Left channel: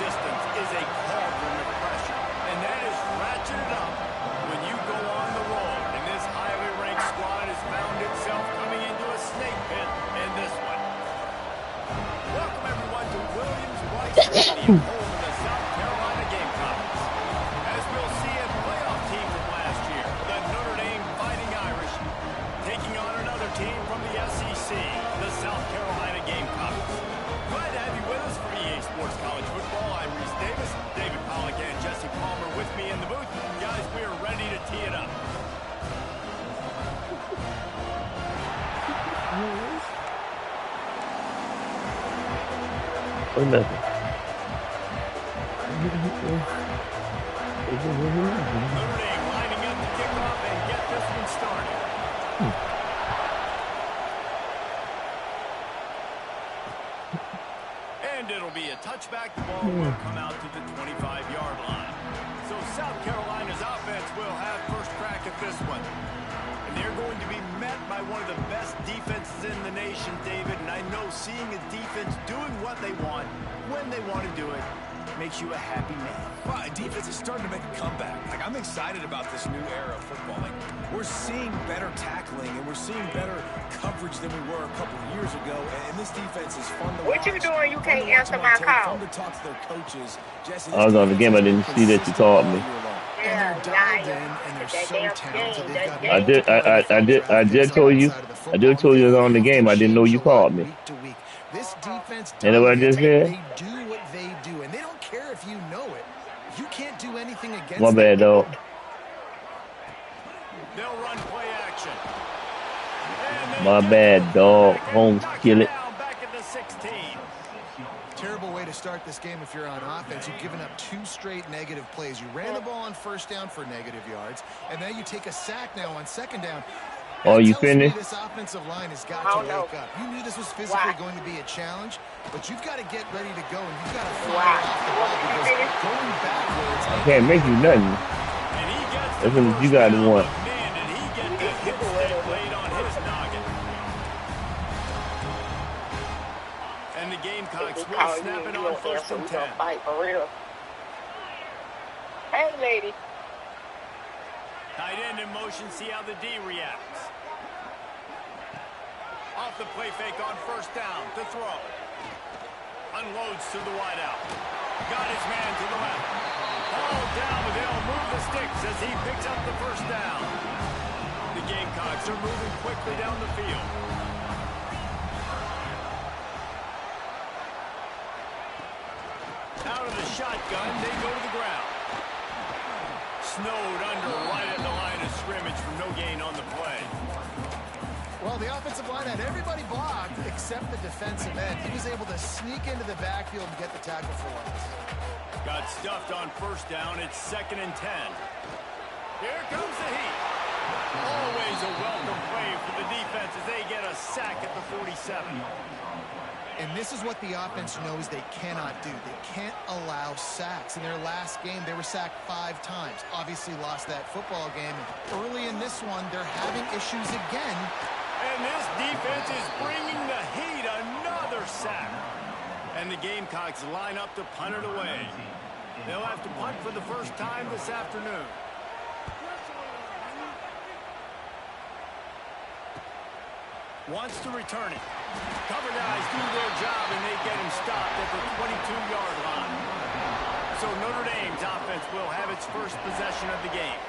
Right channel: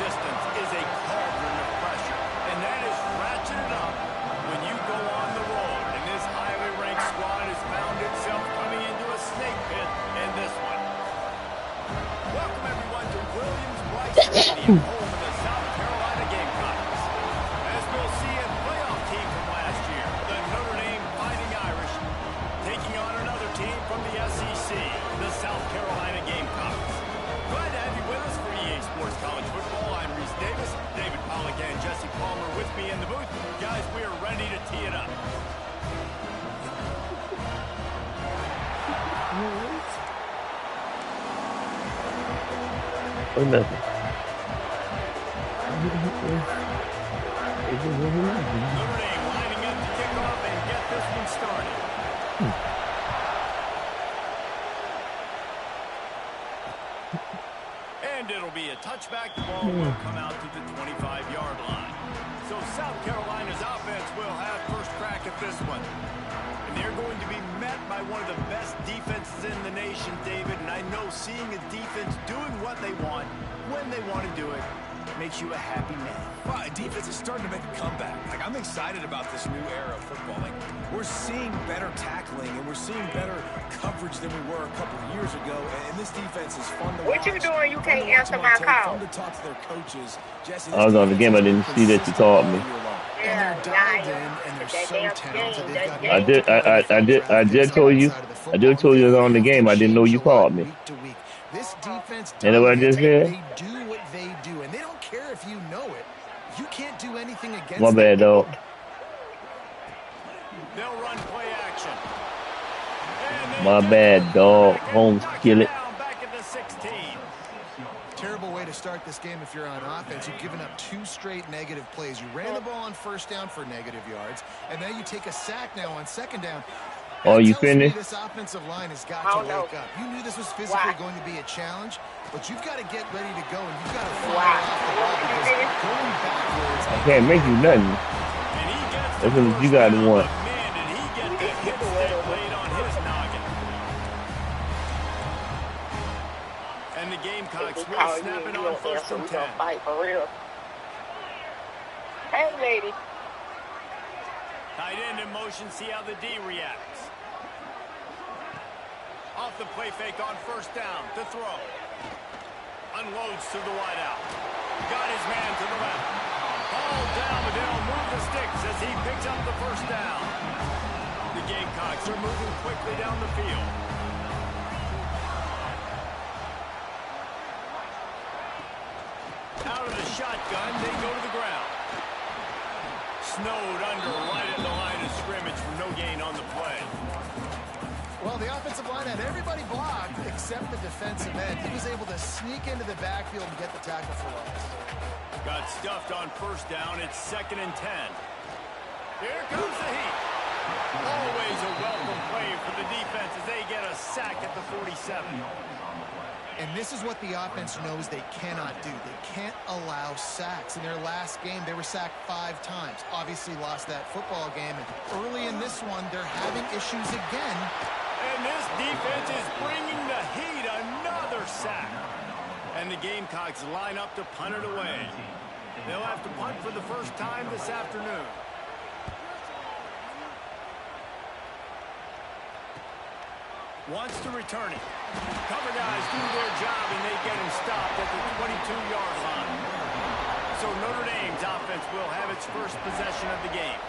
resistance is a cauldron of pressure, and that is ratcheted up when you go on the road. And this highly ranked squad has found itself coming into a snake pit in this one. Welcome, everyone, to Williams-Brice Stadium, home of the South Carolina Gamecocks. As we'll see, a playoff team from last year, the Notre Dame Fighting Irish, taking on another team from the SEC, the South Carolina Gamecocks. Glad to have you with us for EA Sports College Football. I'm Reese Davis, David Pollack and Jesse Palmer with me in the booth. Guys, we are ready to tee it up. Or nothing. Notre Dame lining up to kick off and get this one started. And it'll be a touchback. The ball will come out to the 25-yard line. So South Carolina's offense will have first crack at this one. And they're going to be met by one of the best defenses in the nation, David. And I know seeing a defense doing what they want, when they want to do it, makes you a happy man. Well, defense is starting to make a comeback. Like, I'm excited about this new era of football. Like, we're seeing better tackling and we're seeing better coverage than we were a couple of years ago. And this defense is fun to watch. What you doing? You can't answer my call. Fun to talk to their coaches. Jesse, I was on the game. I didn't see that you called me. Yeah, and they're dialed in, and they're so talented. They've got I did told you I was on the game. I didn't know you called me. Week to week. This defense You know what I just said? They do what they do, and they don't care if you know it. You can't do anything against My bad, dog. They'll run play action. My bad, dog. Home, kill it. Back at the 16. Terrible way to start this game if you're on offense. You've given up 2 straight negative plays. You ran the ball on first down for negative yards, and then you take a sack now on second down. Oh, you finished? This offensive line has got to wake up. You knew this was physically going to be a challenge, but you've got to get ready to go, and you've got to fire off the ball because going backwards. I can't make you nothing. That's what you got to want. Man, did he get the hit stick laid on his noggin. And the Gamecocks will snap it on first and 10. Fight for real. Hey, lady. Tight end in motion, see how the D reacts. Off the play fake on first down to throw. Unloads to the wideout. Got his man to the left. Ball down, but they'll move the sticks as he picks up the first down. The Gamecocks are moving quickly down the field. Out of the shotgun, they go to the ground. Snowed under right at the line of scrimmage for no gain on the play. Well, the offensive line had everybody blocked except the defensive end. He was able to sneak into the backfield and get the tackle for loss. Got stuffed on first down. It's 2nd and 10. Here comes the heat. Always a welcome play for the defense as they get a sack at the 47. And this is what the offense knows they cannot do. They can't allow sacks. In their last game, they were sacked 5 times. Obviously lost that football game. And early in this one, they're having issues again. And this defense is bringing the heat. Another sack. And the Gamecocks line up to punt it away. They'll have to punt for the first time this afternoon. Wants to return it. Cover guys do their job, and they get him stopped at the 22-yard line. So Notre Dame's offense will have its first possession of the game.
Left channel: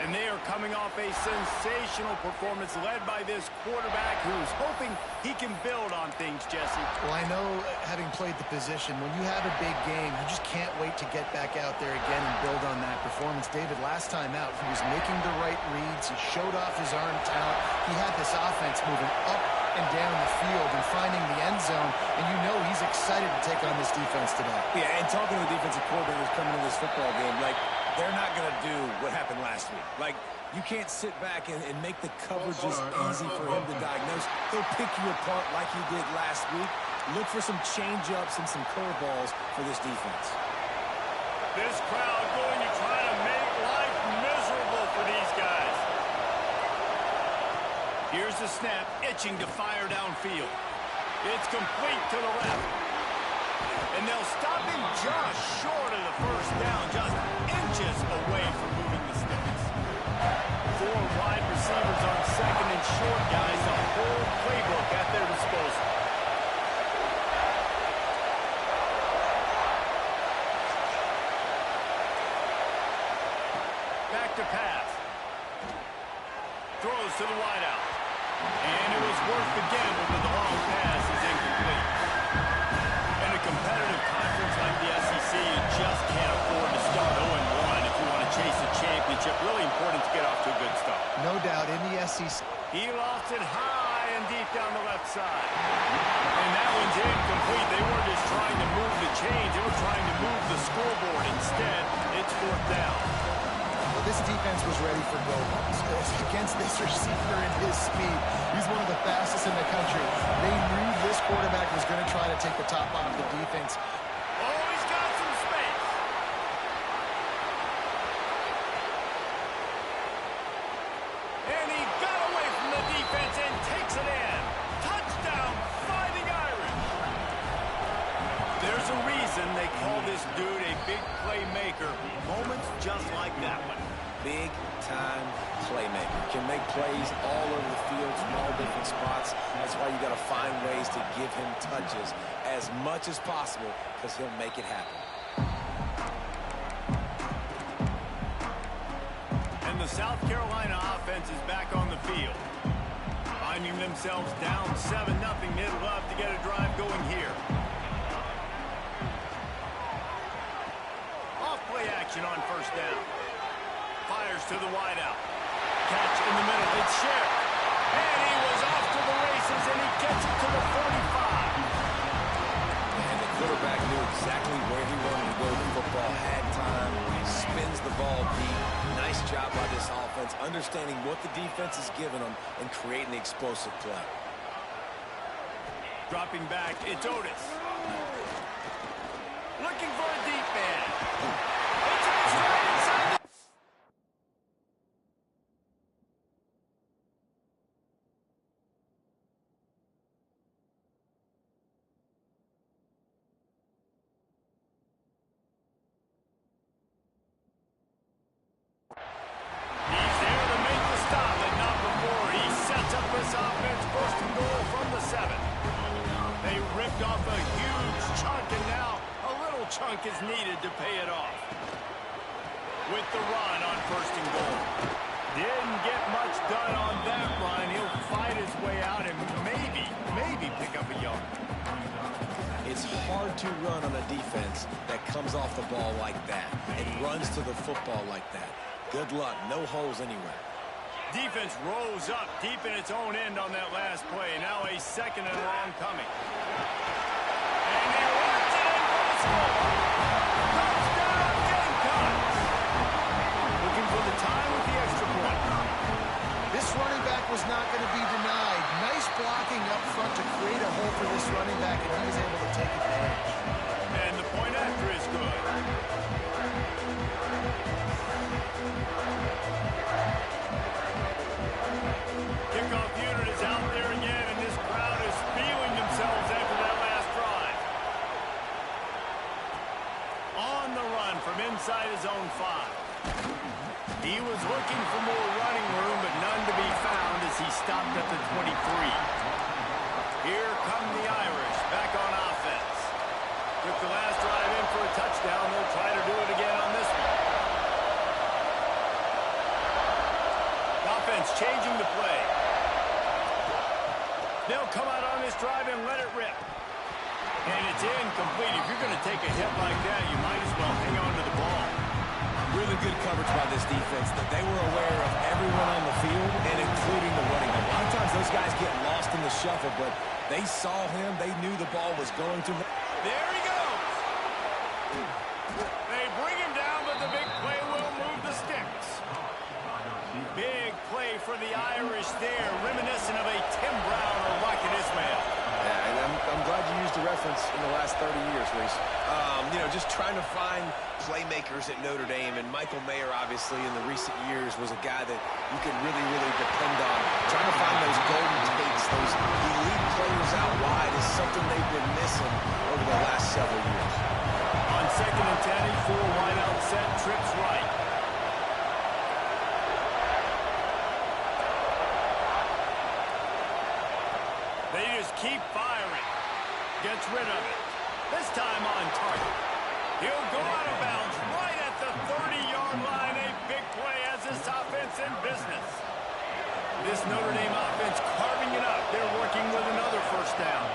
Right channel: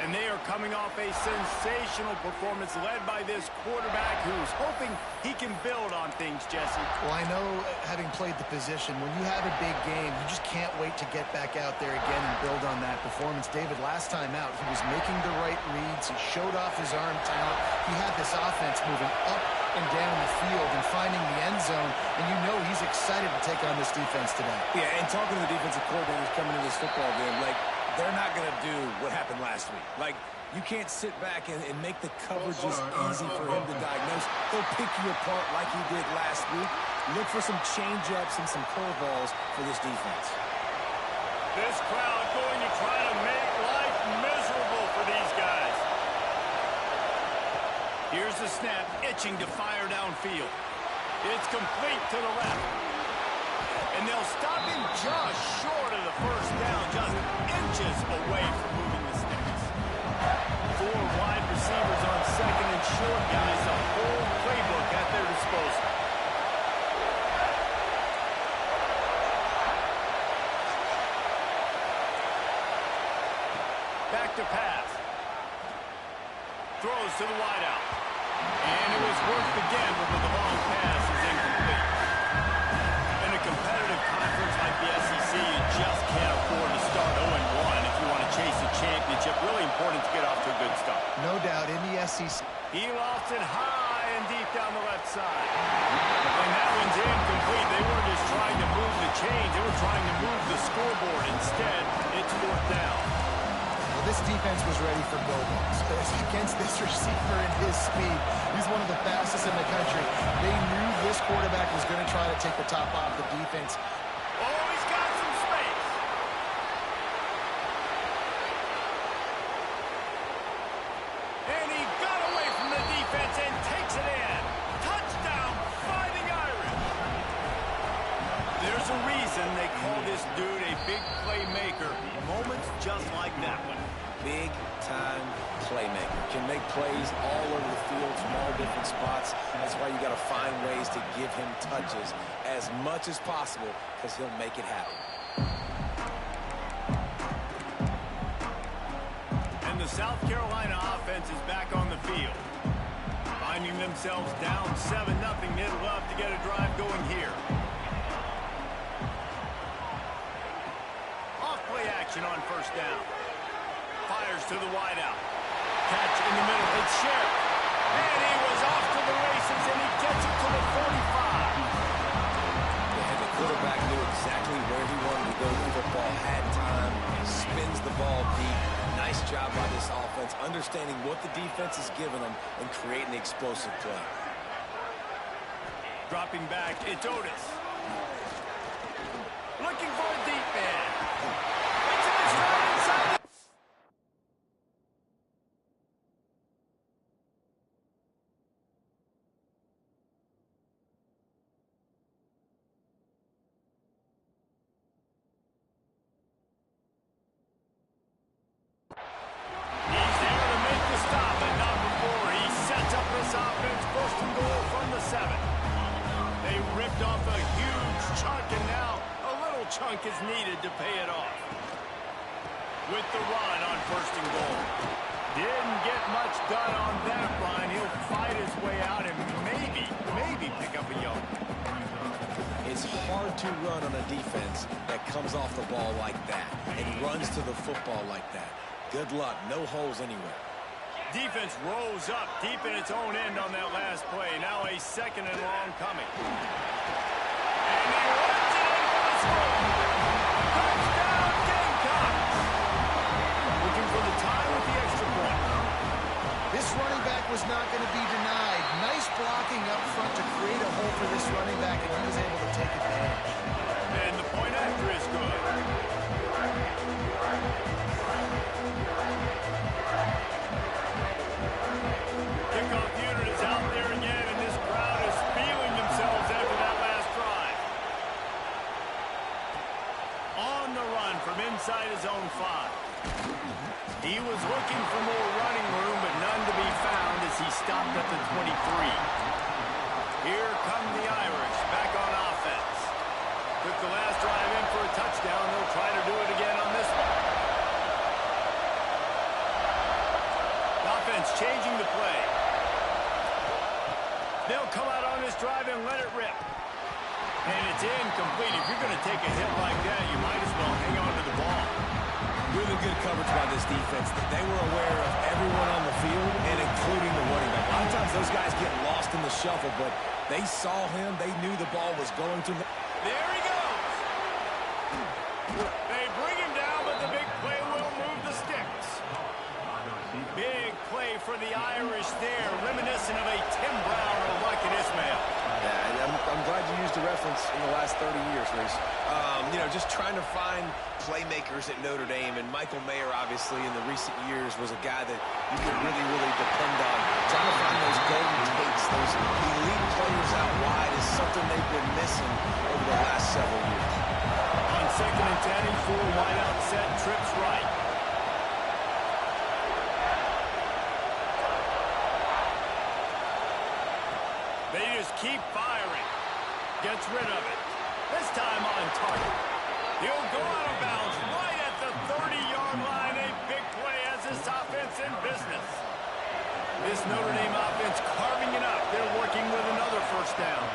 And they are coming off a sensational performance led by this quarterback who's hoping he can build on things, Jesse. Well, I know, having played the position, when you have a big game, you just can't wait to get back out there again and build on that performance. David, last time out, he was making the right reads. He showed off his arm talent. He had this offense moving up and down the field and finding the end zone, and you know he's excited to take on this defense today. Yeah, and talking to the defensive coordinators coming into this football game, like, they're not going to do what happened last week. Like, you can't sit back and make the coverages easy for him to diagnose. He'll pick you apart like he did last week. Look for some change-ups and some curveballs for this defense. This crowd going to try to make life miserable for these guys. Here's the snap, itching to fire downfield. It's complete to the left. And they'll stop him just short of the first down, just inches away from moving the sticks. 4 wide receivers on second and short, guys. The whole playbook at their disposal. Back to pass. Throws to the wideout. And it was worth the gamble, but the long pass is incomplete. In a competitive conference like the SEC, you just can't afford to start 0-1 if you want to chase a championship. Really important to get off to a good start. No doubt, in the SEC. He lost it high and deep down the left side. And that one's incomplete. They weren't just trying to move the chains. They were trying to move the scoreboard. Instead, it's 4th down. Well, this defense was ready for go-balls. Against this receiver and his speed, he's one of the fastest in the country. They knew this quarterback was going to try to take the top off the defense. Oh, he's got some space. And he got away from the defense and takes it in. Touchdown, Fighting Irish. There's a reason they call this dude a big playmaker. Moments just like that one. Big-time playmaker. Can make plays all over the field from all different spots. That's why you got to find ways to give him touches as much as possible because he'll make it happen. And the South Carolina offense is back on the field. Finding themselves down 7-0, they'd love to get a drive going here. Off-play action on 1st down. Fires to the wideout. Catch in the middle. It's Sheriff. And he was off to the races, and he gets it to the 45. And the quarterback knew exactly where he wanted to go with the football. Had time. Spins the ball deep. Nice job by this offense, understanding what the defense is giving them and creating the explosive play. Dropping back, it's Otis. Looking for a deep man. It's in his right inside the... He's there to make the stop, but not before. He sets up this offense 1st and goal from the 7. They ripped off a huge chunk, and now a little chunk is needed to pay it off. With the run on 1st and goal. Didn't get much done on that run. He'll fight his way out and maybe pick up a yard. It's hard to run on a defense that comes off the ball like that and runs to the football like that. Good luck. No holes anywhere. Defense rose up deep in its own end on that last play. Now a 2nd and long coming. And he runs it in for the score. Touchdown, Gamecocks. Looking for the tie with the extra point. This running back was not going to be denied. Nice blocking up front to create a hole for this running back, and he was able to take advantage. And the point after is good. Kickoff unit is out there again, and this crowd is feeling themselves after that last drive. On the run from inside his own 5. He was looking for more running room, but none to be found as he stopped at the 23. Here come the Irish, back on offense. Took the last drive in for a touchdown. They'll try to do it again on this one. The offense changing the play. They'll come out on this drive and let it rip. And it's incomplete. If you're going to take a hit like that, you might as well hang on to the ball. Really good coverage by this defense. They were aware of everyone on the field, and including the running back. A lot of times those guys get lost in the shuffle, but they saw him. They knew the ball was going to them. There he goes. They bring him down, but the big play will move the sticks. Big play for the Irish there, reminiscent of a Tim Brown or Rocket Ismail. Yeah, and I'm glad you used the reference in the last 30 years, Reese. You know, just trying to find playmakers at Notre Dame, and Michael Mayer, obviously, in the recent years, was a guy that you could really, really depend on. Trying to find those golden takes, those elite players out wide is something they've been missing over the last several years. On 2nd and 10, he full wide out set, trips right. They just keep firing. Gets rid of it. This time on target. He'll go out of bounds right at the 30-yard line. A big play as this offense in business. This Notre Dame offense carving it up. They're working with another first down.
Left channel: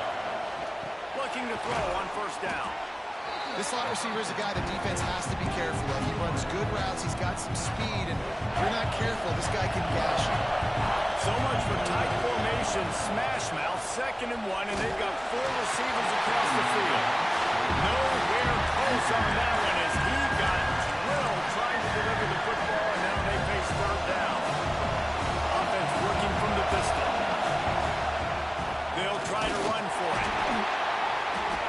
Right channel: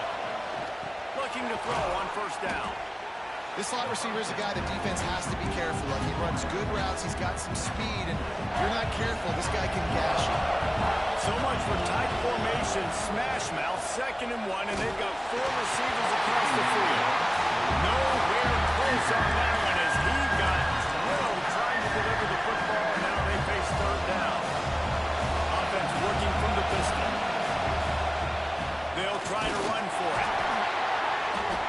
Looking to throw on first down. This slot receiver is a guy the defense has to be careful of. He runs good routes. He's got some speed, and if you're not careful, this guy can gash you. So much for tight formation, smash mouth, 2nd and 1, and they've got 4 receivers across the field. Nowhere close on that one as he got drilled trying to deliver the football, and now they face 3rd down. Offense working from the pistol. They'll try to run for it.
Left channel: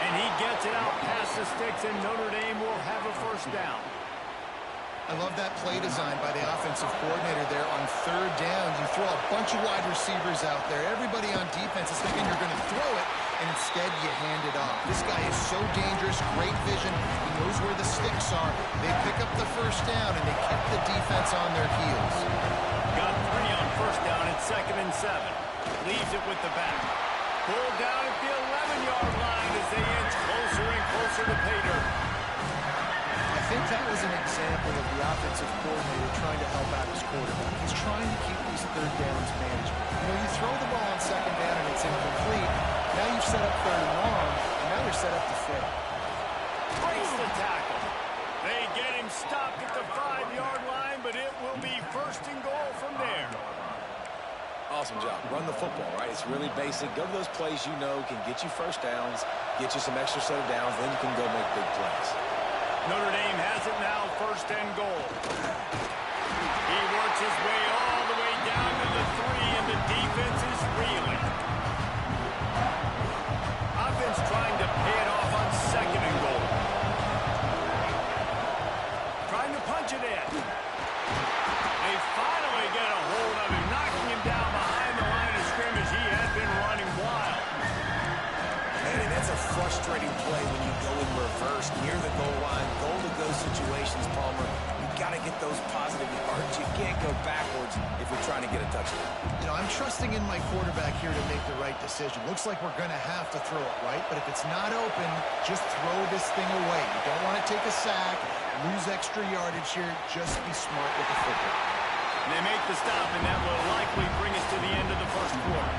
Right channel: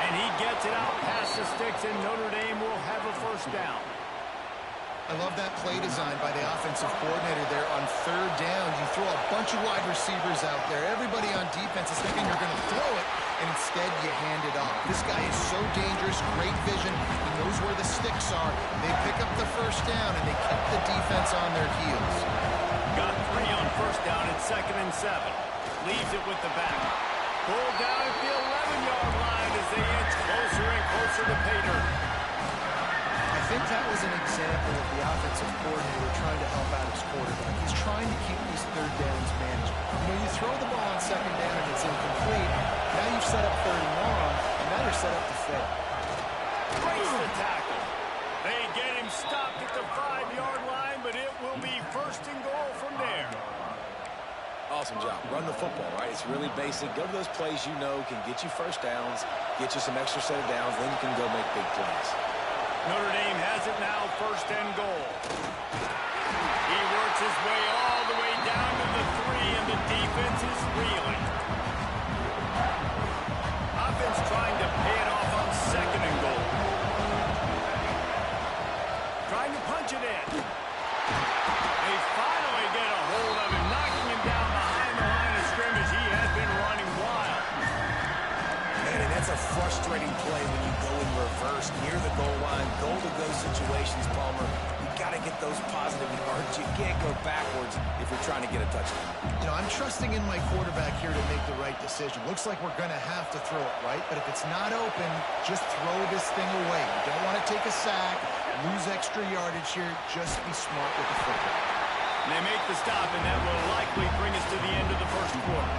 And he gets it out past the sticks, and Notre Dame will have a first down. I love that play design by the offensive coordinator there on 3rd down. You throw a bunch of wide receivers out there. Everybody on defense is thinking you're going to throw it, and instead you hand it off. This guy is so dangerous, great vision. He knows where the sticks are. They pick up the first down, and they kept the defense on their heels. Got 3 on first down at 2nd and 7. Leaves it with the back. Pulled down at the 11-yard line as they inch closer and closer to pay dirt. I think that was an example of the offensive coordinator trying to help out his quarterback. He's trying to keep these 3rd downs manageable. You know, you throw the ball on 2nd down and it's incomplete. Now you've set up 3rd and long, and now you're set up to fail. Breaks the tackle. They get him stopped at the 5-yard line, but it will be 1st and goal from there. Awesome job. Run the football, right? It's really basic. Go to those plays you know can get you first downs, get you some extra set of downs, then you can go make big plays. Notre Dame has it now, 1st and goal. He works his way all the way down to the 3, and the defense is reeling. Offense trying to pay it off on 2nd and goal. Trying to punch it in. They finally get a hold of him, knocking him down behind the line of scrimmage. He has been running wild. Man, and that's a frustrating play when you go in reverse near the goal line. Goal-to-go situations, Palmer. You got to get those positive yards. You can't go backwards if you're trying to get a touchdown. You know, I'm trusting in my quarterback here to make the right decision. Looks like we're going to have to throw it, right? But if it's not open, just throw this thing away. You don't want to take a sack, lose extra yardage here. Just be smart with the football. They make the stop, and that will likely bring us to the end of the 1st quarter.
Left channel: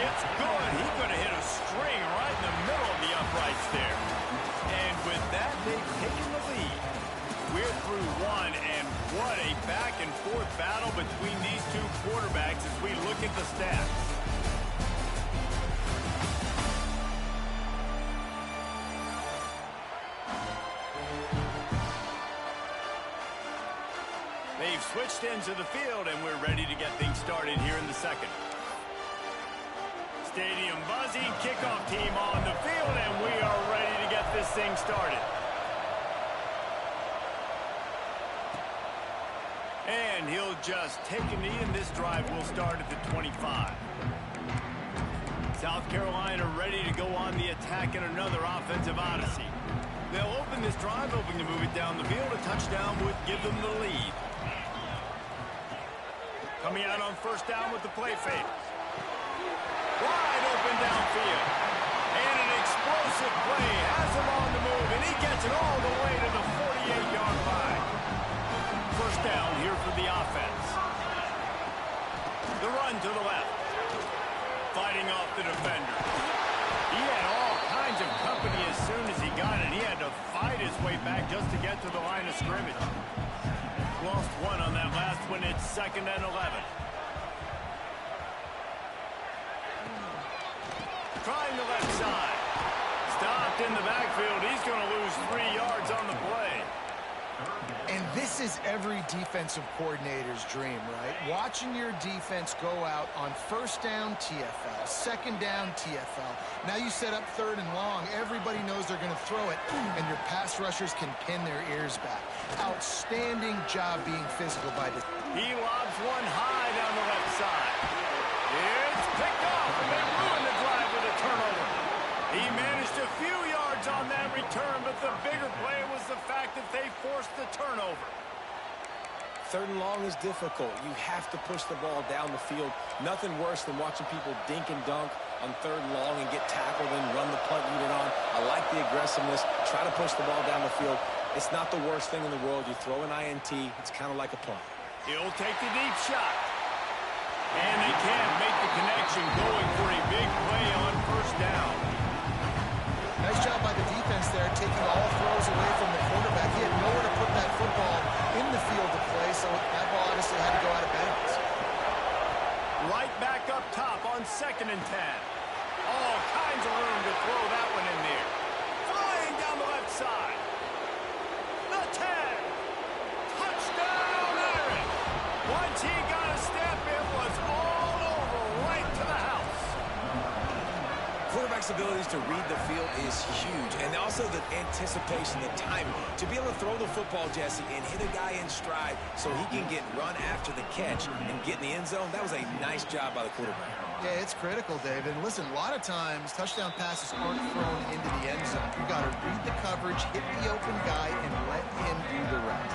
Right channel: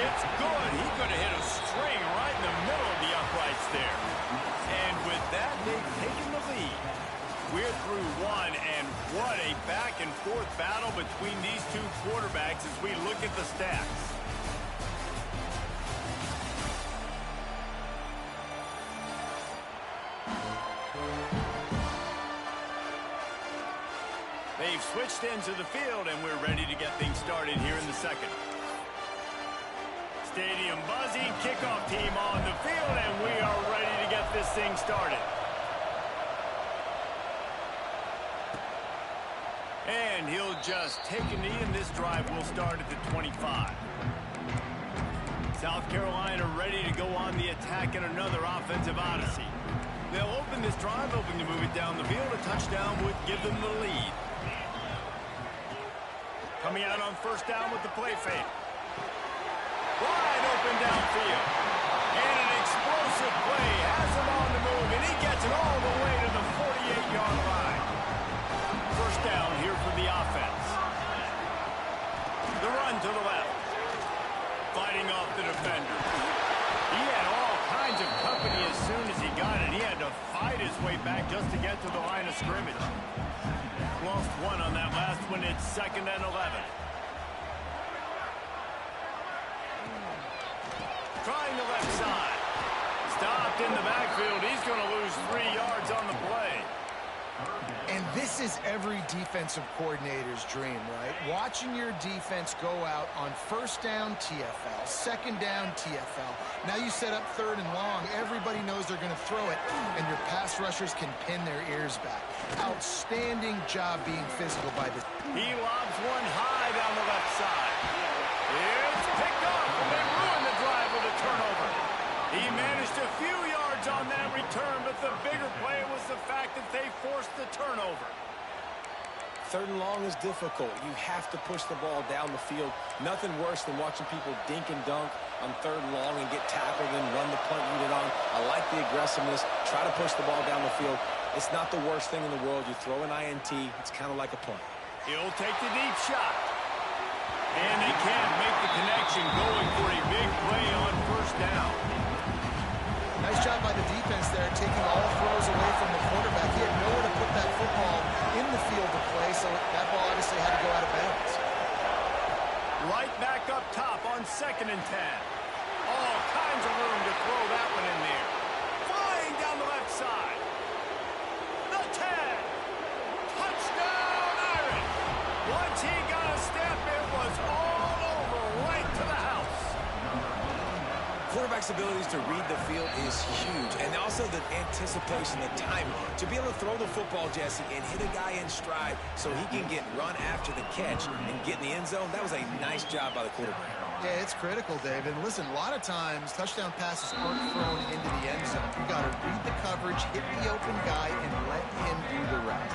It's good. He could have hit a string right in the middle of the uprights there. And with that, they've taken the lead. We're through 1, and what a back-and-forth battle between these 2 quarterbacks as we look at the stats. They've switched ends of the field, and we're ready to get things started here in the 2nd. Stadium buzzing, kickoff team on the field, and we are ready to get this thing started. And he'll just take a knee, and this drive will start at the 25. South Carolina ready to go on the attack in another offensive odyssey. They'll open this drive, hoping to move it down the field. A touchdown would give them the lead. Coming out on first down with the play fake. Wide open downfield. And an explosive play has him on the move, and he gets it all the way to the 48-yard line. First down here for the offense. The run to the left. Fighting off the defender. He had all kinds of company as soon as he got it. He had to fight his way back just to get to the line of scrimmage. Lost 1 on that last one. It's 2nd and 11. Trying the left side. Stopped in the backfield. He's going to lose 3 yards on the play. And this is every defensive coordinator's dream, right? Watching your defense go out on first down, TFL, second down, TFL. Now you set up 3rd and long. Everybody knows they're going to throw it, and your pass rushers can pin their ears back. Outstanding job being physical by this. He lobs one high down the left side. It's He managed a few yards on that return, but the bigger play was the fact that they forced the turnover. 3rd and long is difficult. You have to push the ball down the field. Nothing worse than watching people dink and dunk on 3rd and long and get tackled and run the punt unit on. I like the aggressiveness. Try to push the ball down the field. It's not the worst thing in the world. You throw an INT. It's kind of like a punt. He'll take the deep shot. And they can't make the connection, going for a big play on 1st down. Nice job by the defense there, taking all throws away from the quarterback. He had nowhere to put that football in the field to play, so that ball obviously had to go out of bounds. Right back up top on 2nd and 10. All kinds of room to throw that one in there. Flying down the left side. The 10. Touchdown, Irish. Once he got a step, it was all over right to the house. Quarterback's abilities to read the field is huge, and also the anticipation, the timing. To be able to throw the football, Jesse, and hit a guy in stride so he can get run after the catch and get in the end zone, that was a nice job by the quarterback. Yeah, it's critical, David. And listen, a lot of times touchdown passes aren't thrown into the end zone. You got to read the coverage, hit the open guy, and let him do the rest.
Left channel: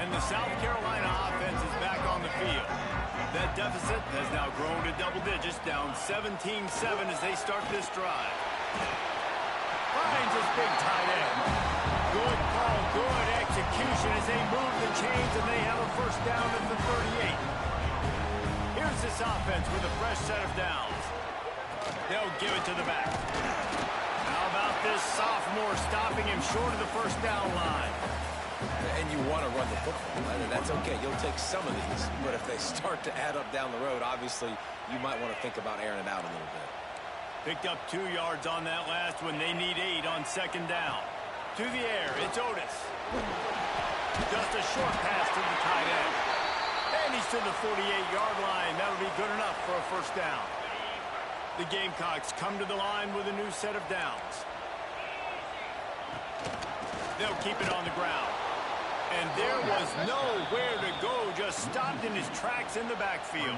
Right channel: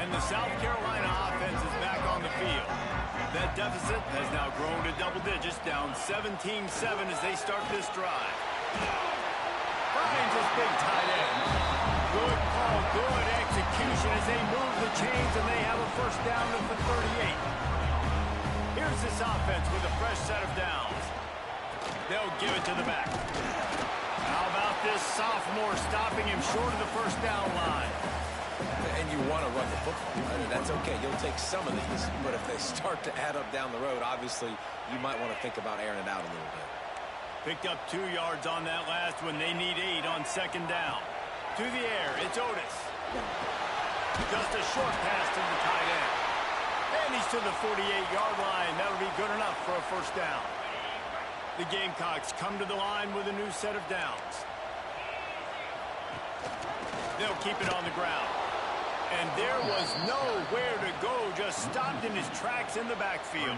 And the South Carolina offense is back on the field. That deficit has now grown to double digits, down 17-7 as they start this drive. Finds his big tight end. Good call, good execution as they move the chains, and they have a 1st down at the 38. Here's this offense with a fresh set of downs. They'll give it to the back. How about this sophomore stopping him short of the 1st down line? And you want to run the football, right? That's okay. You'll take some of these, but if they start to add up down the road, obviously you might want to think about airing it out a little bit. Picked up 2 yards on that last one. They need 8 on 2nd down. To the air, it's Otis. Just a short pass to the tight end. And he's to the 48-yard line. That'll be good enough for a 1st down. The Gamecocks come to the line with a new set of downs. They'll keep it on the ground. And there was nowhere to go, just stopped in his tracks in the backfield.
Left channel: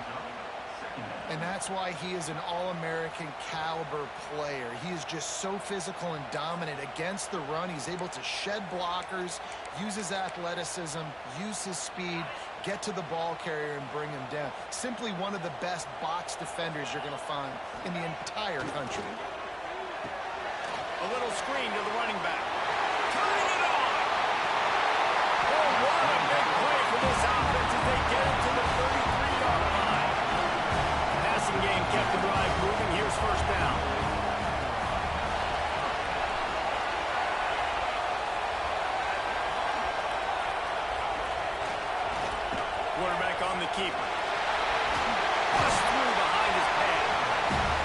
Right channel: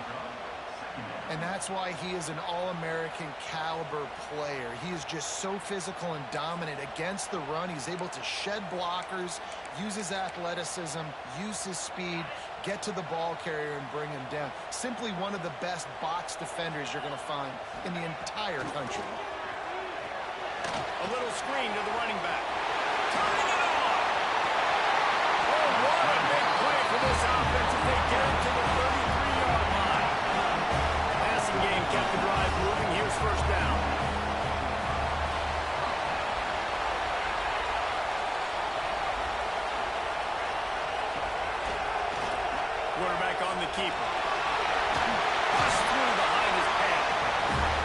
And that's why he is an All-American caliber player. He is just so physical and dominant against the run. He's able to shed blockers, use his athleticism, use his speed, get to the ball carrier and bring him down. Simply one of the best box defenders you're going to find in the entire country. A little screen to the running back. Turning it on! Oh, what a big play for this offense as they get it to the 33-yard line. Passing game kept the drive moving. Here's 1st down. Quarterback on the keeper. Pushed through behind his pad.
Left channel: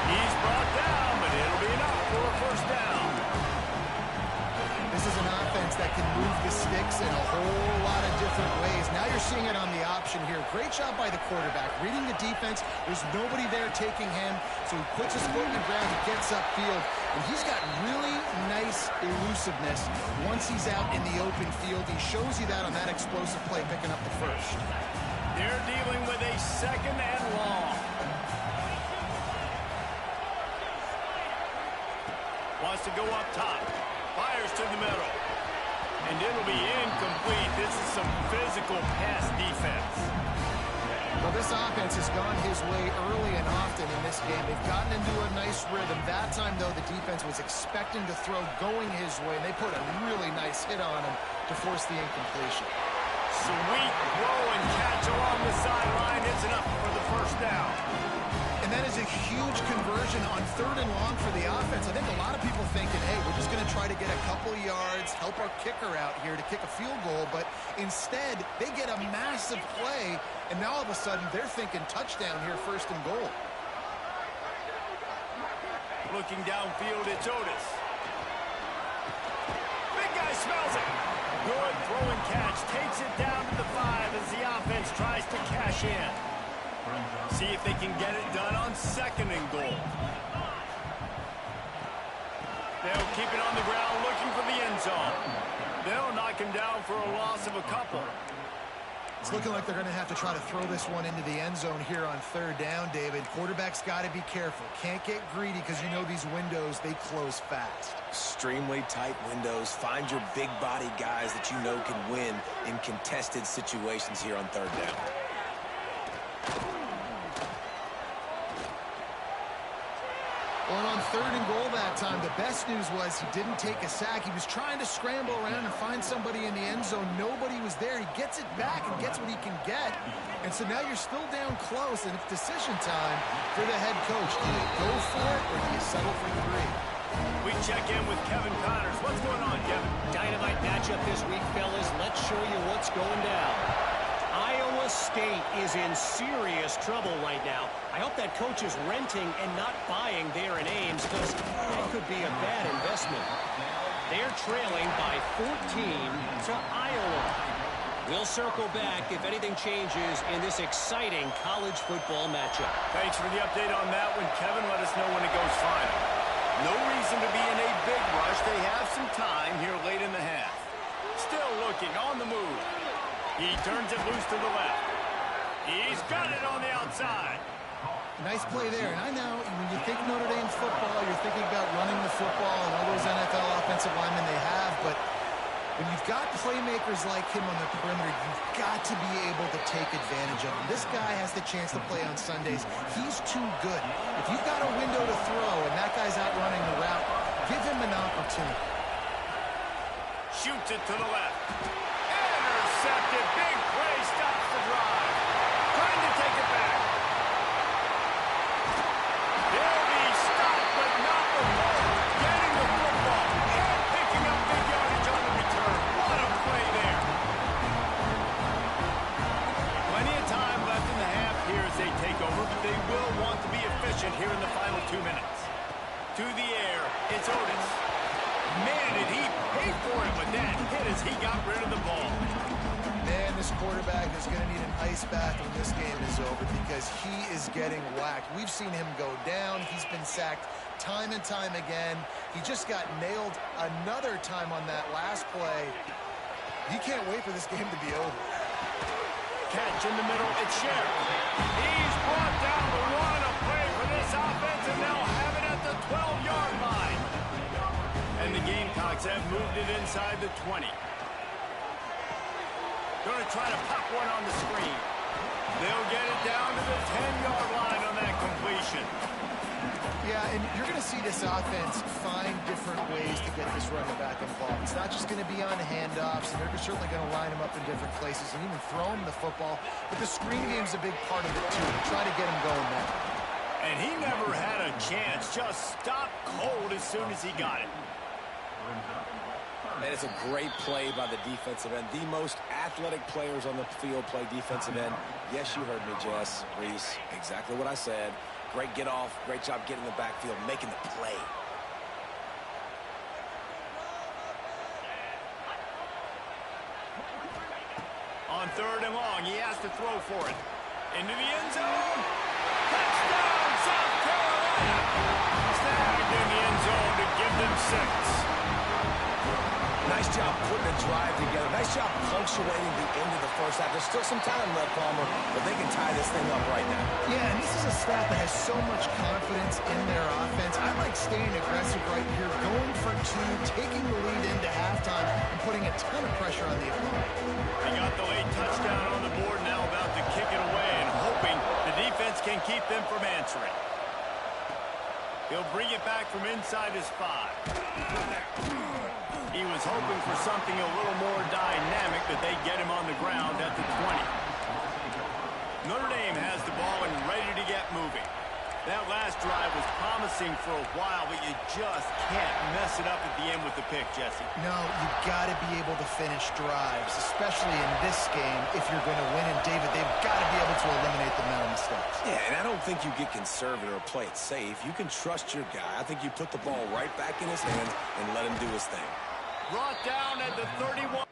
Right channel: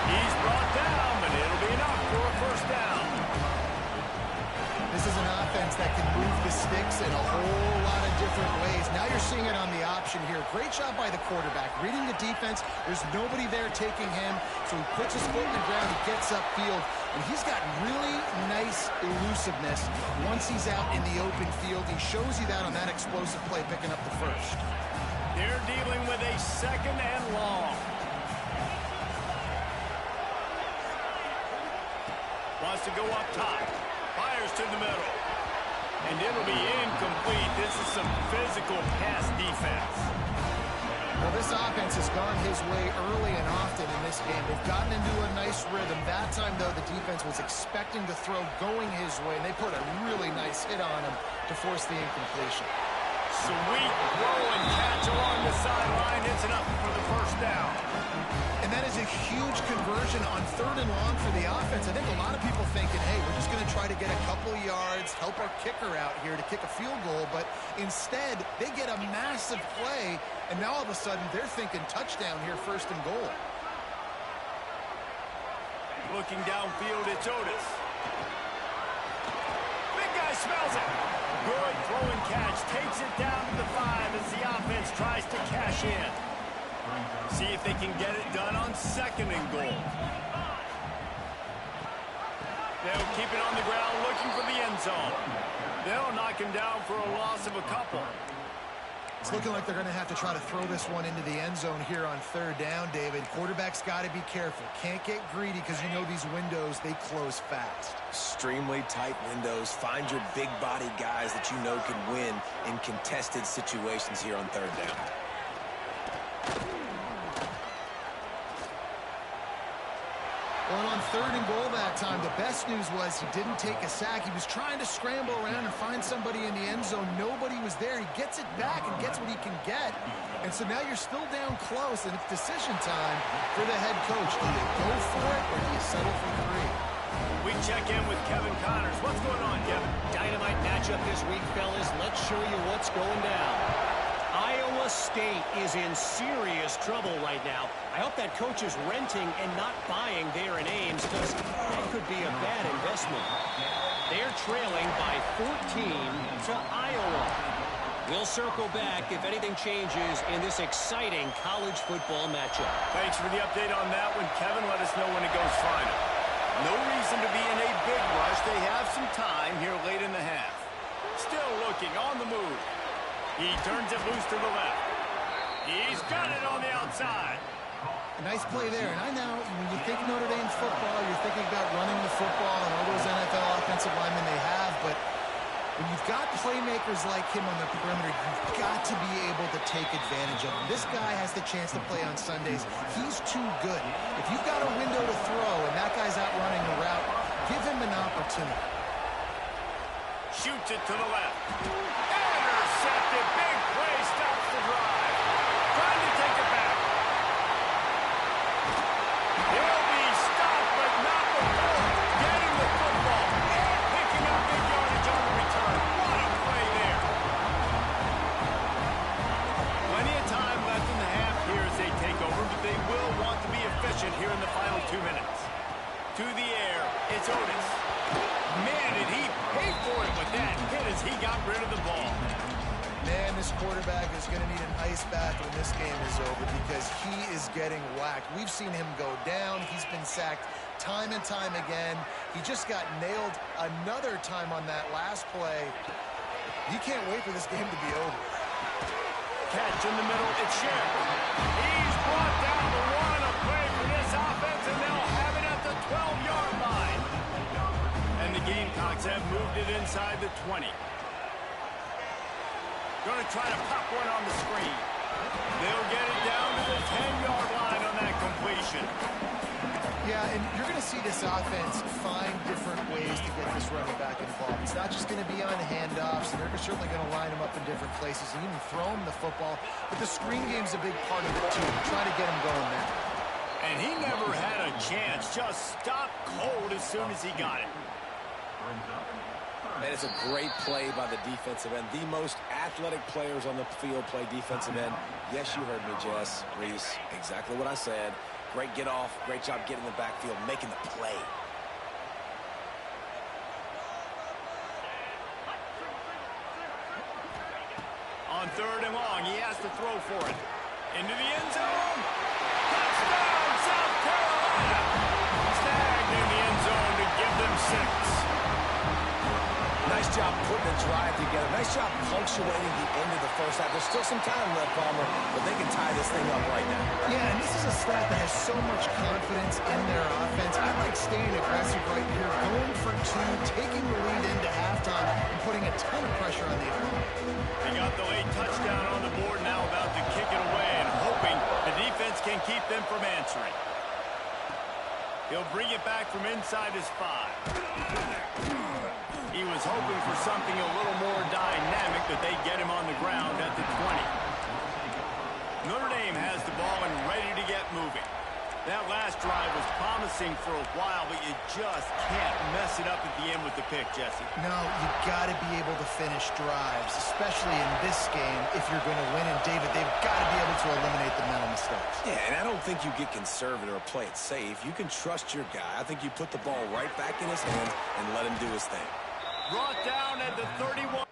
He's brought down, but it'll be enough for a 1st down. This is an offense that can move the sticks in a whole lot of different ways. Now you're seeing it on the option here. Great job by the quarterback. Reading the defense, there's nobody there taking him, so he puts his foot in the ground, he gets upfield, and he's got really nice elusiveness once he's out in the open field. He shows you that on that explosive play, picking up the 1st. They're dealing with a 2nd and long. Wants to go up top. Fires to the middle. And it'll be incomplete. This is some physical pass defense. Well, this offense has gone his way early and often in this game. They've gotten into a nice rhythm. That time, though, the defense was expecting to throw going his way, and they put a really nice hit on him to force the incompletion. Sweet throw and catch along the sideline. It's enough for the 1st down. And that is a huge conversion on 3rd and long for the offense. I think a lot of people thinking, hey, we're just going to try to get a couple of yards, help our kicker out here to kick a field goal. But instead, they get a massive play, and now all of a sudden they're thinking touchdown here, 1st and goal. Looking downfield, it's Otis. Big guy smells it. Good throw and catch. Takes it down to the 5 as the offense tries to cash in. See if they can get it done on 2nd and goal. They'll keep it on the ground looking for the end zone. They'll knock him down for a loss of a couple. It's looking like they're going to have to try to throw this one into the end zone here on third down, David. Quarterback's got to be careful. Can't get greedy because you know these windows, they close fast. Extremely tight windows. Find your big body guys that you know can win in contested situations here on third down. Well, and on third and goal that time, the best news was he didn't take a sack. He was trying to scramble around and find somebody in the end zone. Nobody was there. He gets it back and gets what he can get. And so now you're still down close, and it's decision time for the head coach. Do you go for it, or do you settle for 3? We check in with Kevin Connors. What's going on, Kevin? Dynamite matchup this week, fellas. Let's show you what's going down. Iowa State is in serious trouble right now. I hope that coach is renting and not buying there in Ames, because that could be a bad investment. They're trailing by 14 to Iowa. We'll circle back if anything changes in this exciting college football matchup. Thanks for the update on that one, Kevin. Let us know when it goes final. No reason to be in a big rush. They have some time here late in the half. Still looking on the move. He turns it loose to the left. He's got it on the outside. A nice play there. And I know when you think Notre Dame football, you're thinking about running the football and all those NFL offensive linemen they have. But when you've got playmakers like him on the perimeter, you've got to be able to take advantage of him. This guy has the chance to play on Sundays. He's too good. If you've got a window to throw and that guy's out running the route, give him an opportunity. Shoots it to the left. Intercepted. Big play. Stops the drive. Trying to take it back. He'll be stopped, but not before getting the football and picking up big yardage on the return. What a play there. Plenty of time left in the half here as they take over, but they will want to be efficient here in the final 2 minutes. To the air, it's Otis. Man, did he pay for it with that hit as he got rid of the ball. Man, this quarterback is going to need an ice bath when this game is over because he is getting whacked. We've seen him go down. He's been sacked time and time again. He just got nailed another time on that last play. You can't wait for this game to be over. Catch in the middle, it's Sheriff. He's brought down the one, a play for this offense, and they'll have it at the 12-yard line. And the Gamecocks have moved it inside the 20. Going to try to pop one on the screen. They'll get it down to the 10-yard line on that completion. Yeah, and you're going to see this offense find different ways to get this running back involved. It's not just going to be on handoffs, and they're certainly going to line him up in different places and even throw him the football. But the screen game's a big part of it, too. Try to get him going there. And he never had a chance. Just stopped cold as soon as he got it. And it's a great play by the defensive end. The most athletic players on the field play defensive end. Yes, you heard me, Jess, Reese. Exactly what I said. Great get off. Great job getting in the backfield, making the play. On third and long, he has to throw for it. Into the end zone. Touchdown, South Carolina. Snagged in the end zone to give them 6. Nice job putting a drive together. Nice job punctuating the end of the first half. There's still some time left, Palmer, but they can tie this thing up right now. Yeah, and this is a staff that has so much confidence in their offense. I like staying aggressive right here, going for 2, taking the lead into halftime, and putting a ton of pressure on the opponent. They got the late touchdown on the board, now about to kick it away and hoping the defense can keep them from answering. He'll bring it back from inside his 5. He was hoping for something a little more dynamic, but they get him on the ground at the 20. Notre Dame has the ball and ready to get moving. That last drive was promising for a while, but you just can't mess it up at the end with the pick, Jesse. No, you've got to be able to finish drives, especially in this game if you're going to win. And, David, they've got to be able to eliminate the mental mistakes. Yeah, and I don't think you get conservative or play it safe. You can trust your guy. I think you put the ball right back in his hands and let him do his thing. Brought down at the 31.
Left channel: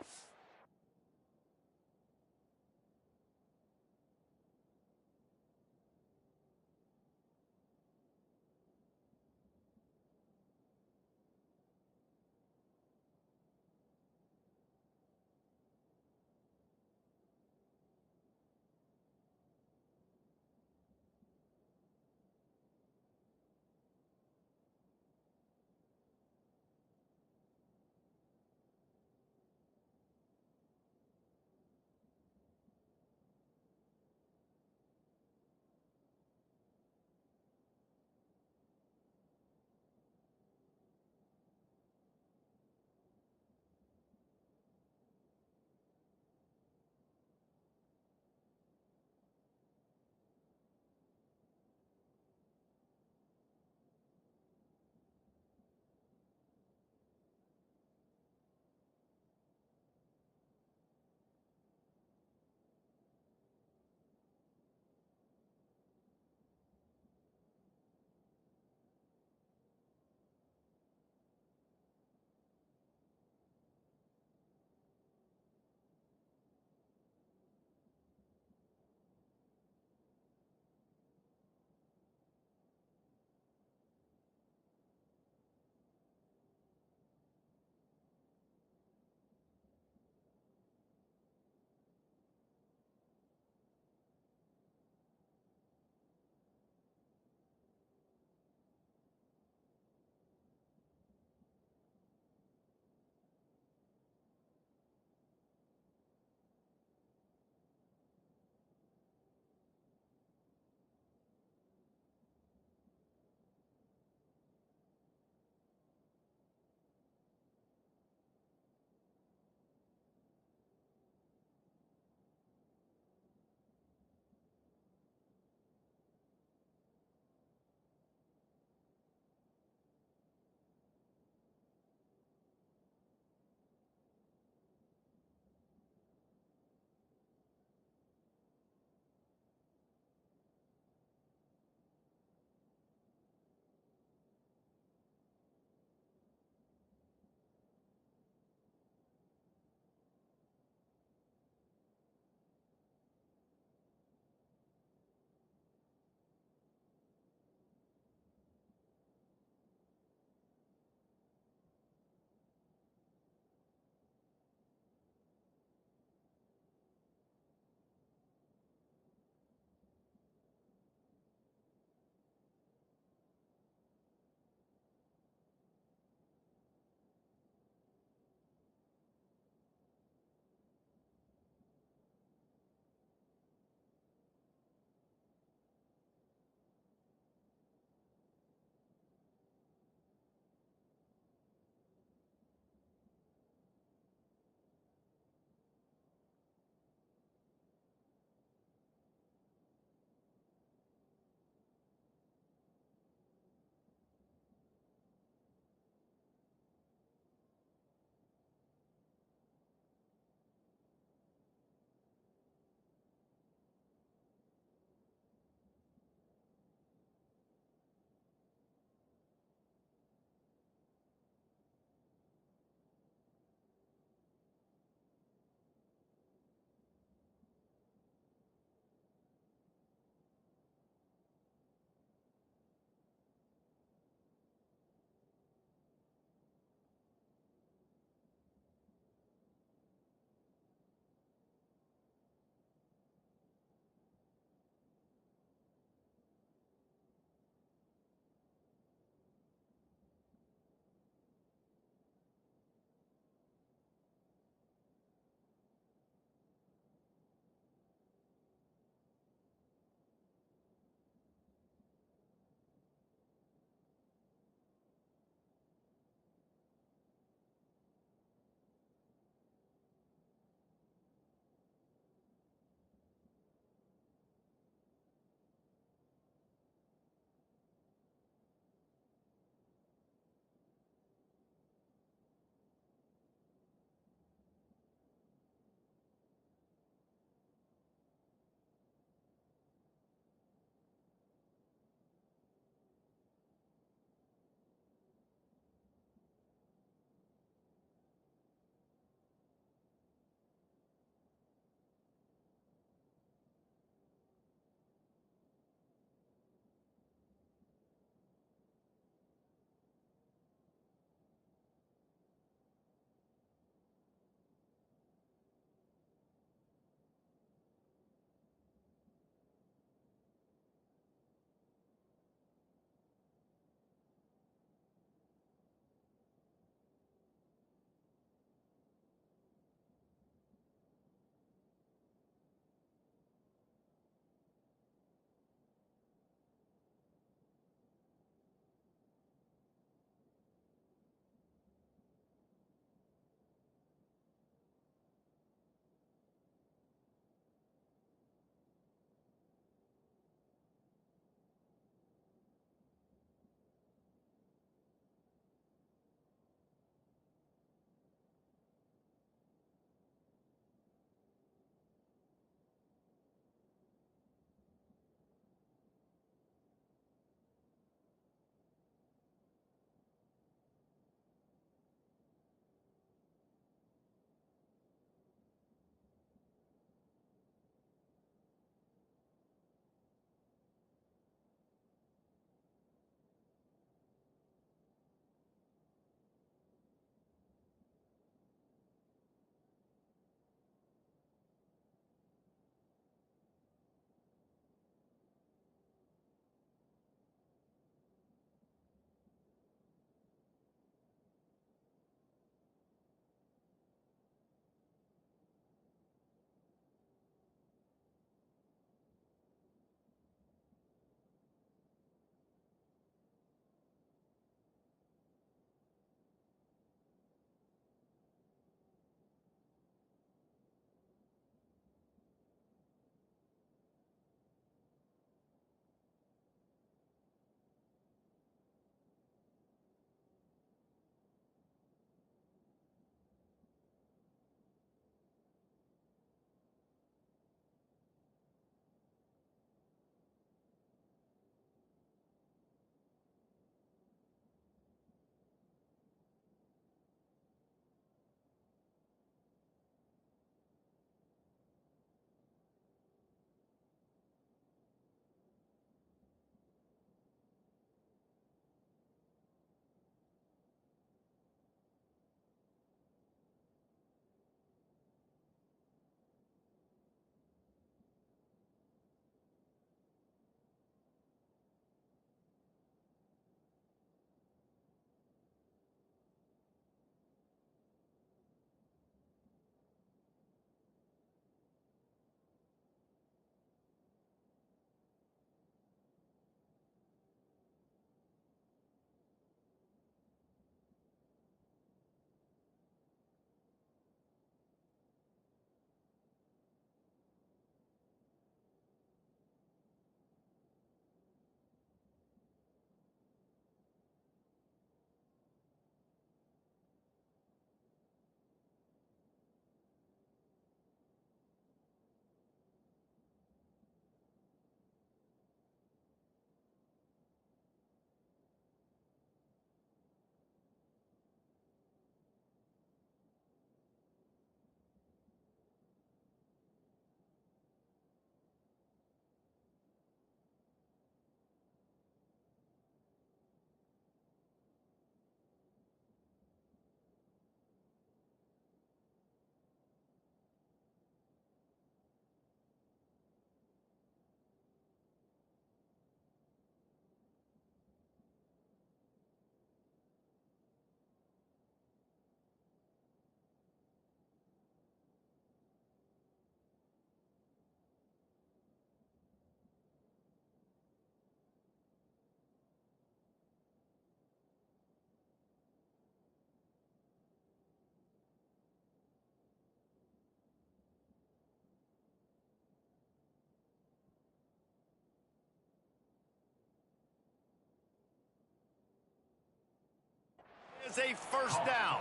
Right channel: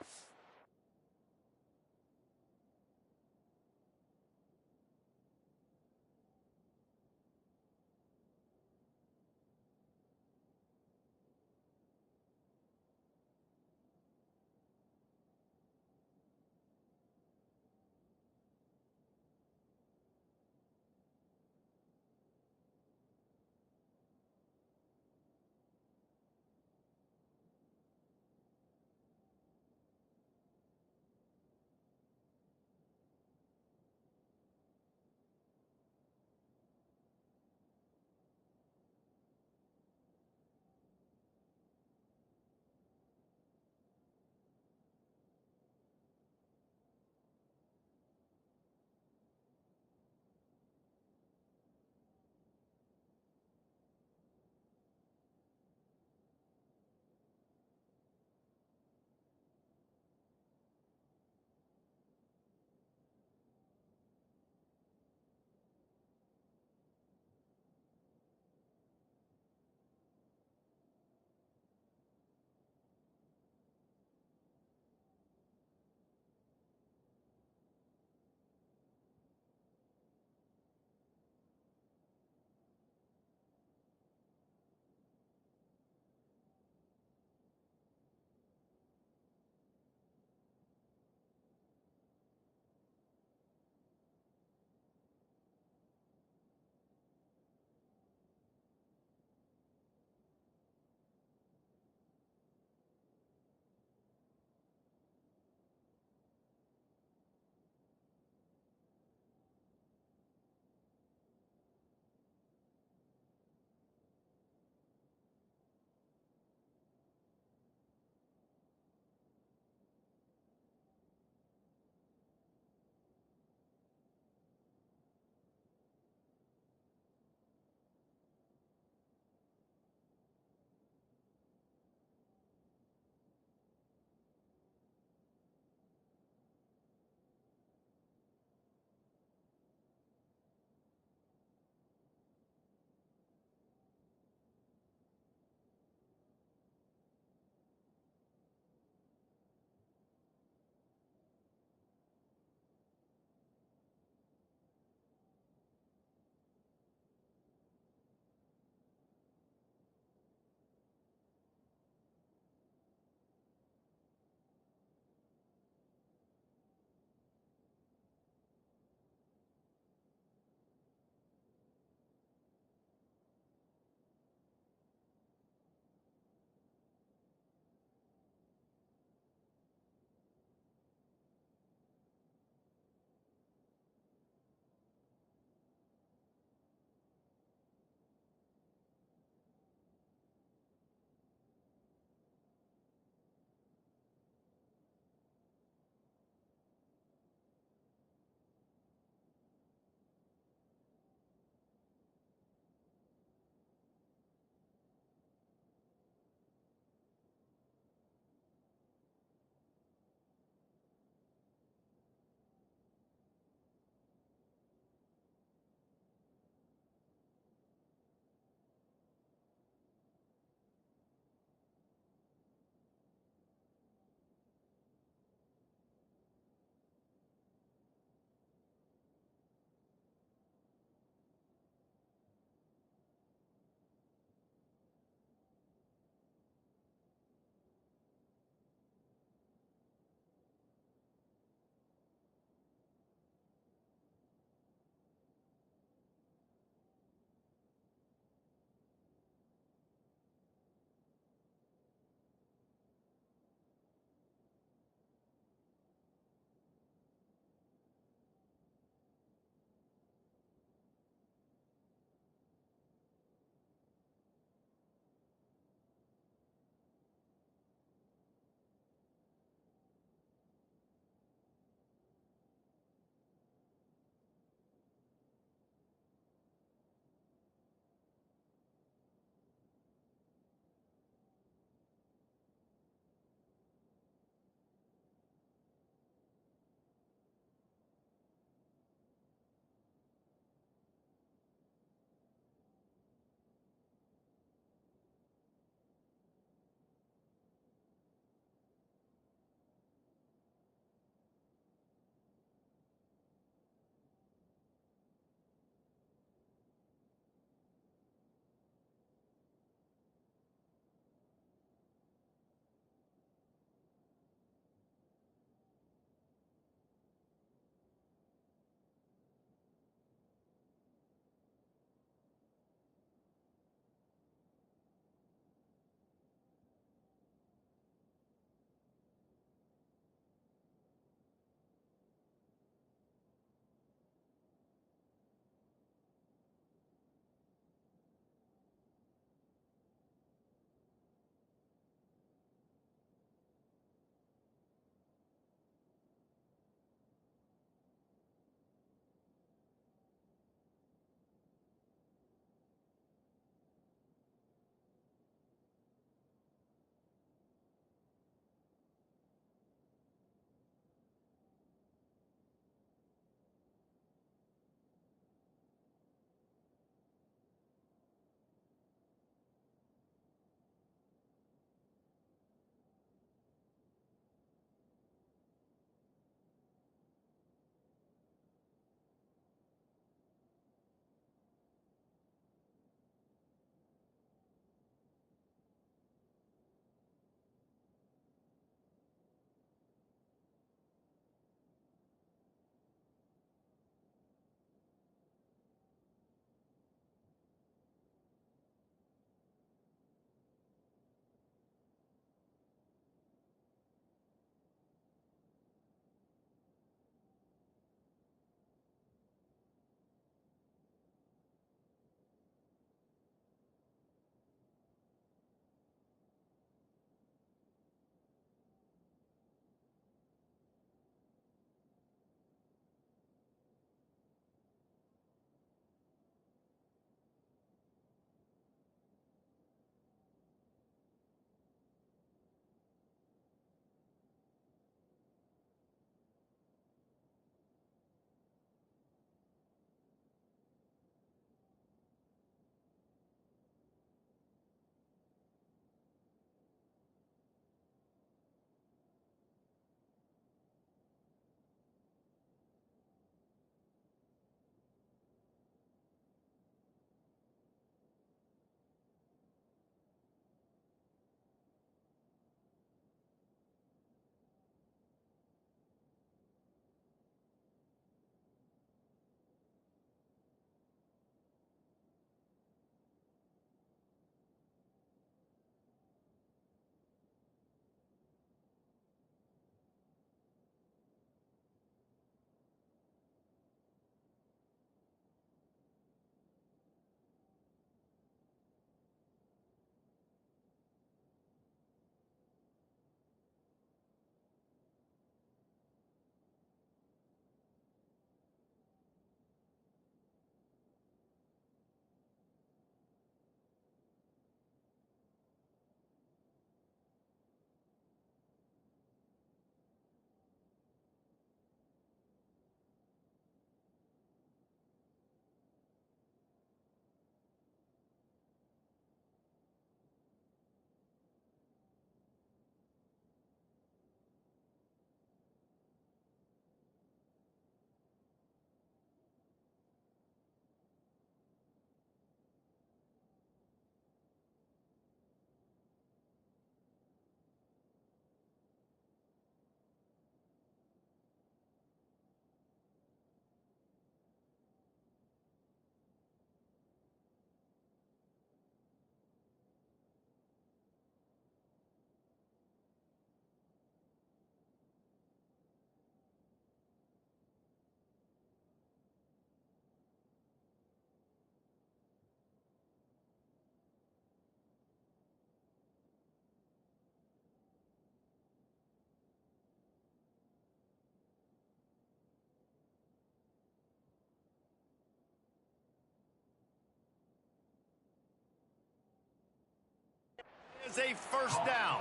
is a first down.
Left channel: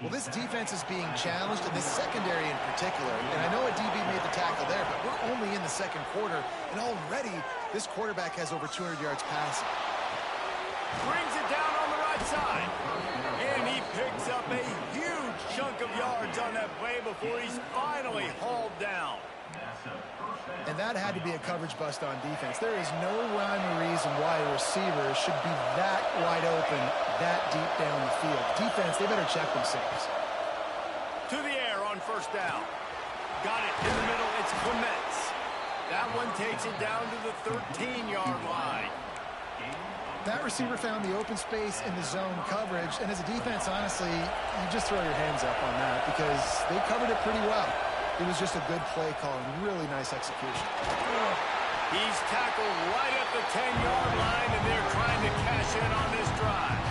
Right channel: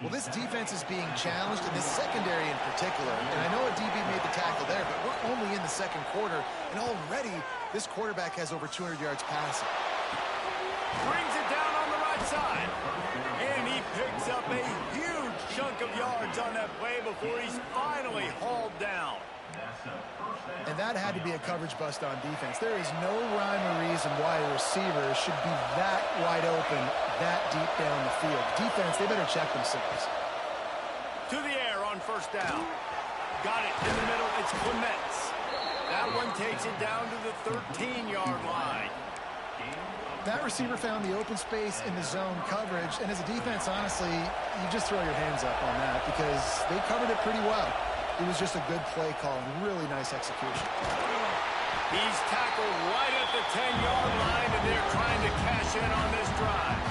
Well, this defense is being challenged, and this secondary in particular. And I know a DB made the tackle there, but we're only in the second quarter, and already this quarterback has over 200 yards passing. Brings it down on the right side. And he picks up a huge chunk of yards on that play before he's finally hauled down. And that had to be a coverage bust on defense. There is no rhyme or reason why a receiver should be that wide open, that deep down the field. Defense, they better check themselves. To the air on first down. Got it in the middle. It's Clements. That one takes it down to the 13-yard line. That receiver found the open space in the zone coverage. And as a defense, honestly, you just throw your hands up on that because they covered it pretty well. It was just a good play call and really nice execution. He's tackled right at the 10-yard line, and they're trying to cash in on this drive.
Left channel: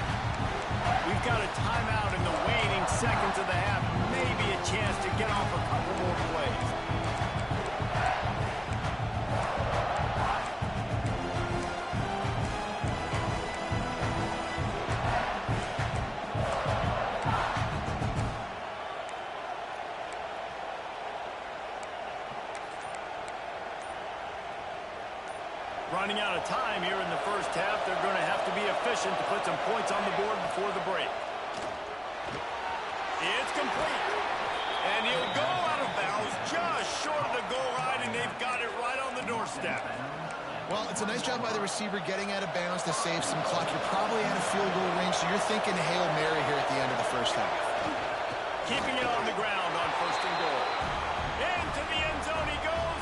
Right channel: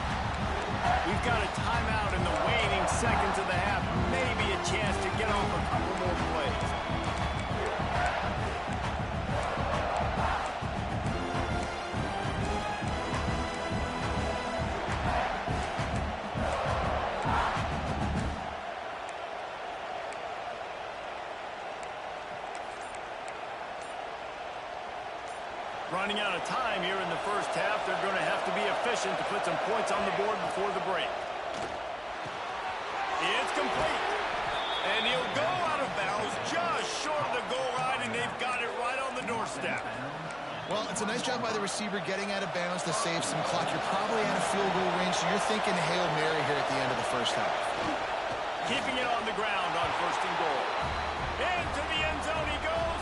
We've got a timeout in the waning seconds of the half. Maybe a chance to get off a couple more plays. Running out of time here in the first half. They're going to have to be efficient to put some points on the board before the break. It's complete. And he'll go out of bounds just short of the goal line, and they've got it right on the doorstep. Well, it's a nice job by the receiver getting out of bounds to save some clock. You're probably out of field goal range, so you're thinking Hail Mary here at the end of the first half. Keeping it on the ground on first and goal. Into the end zone he goes.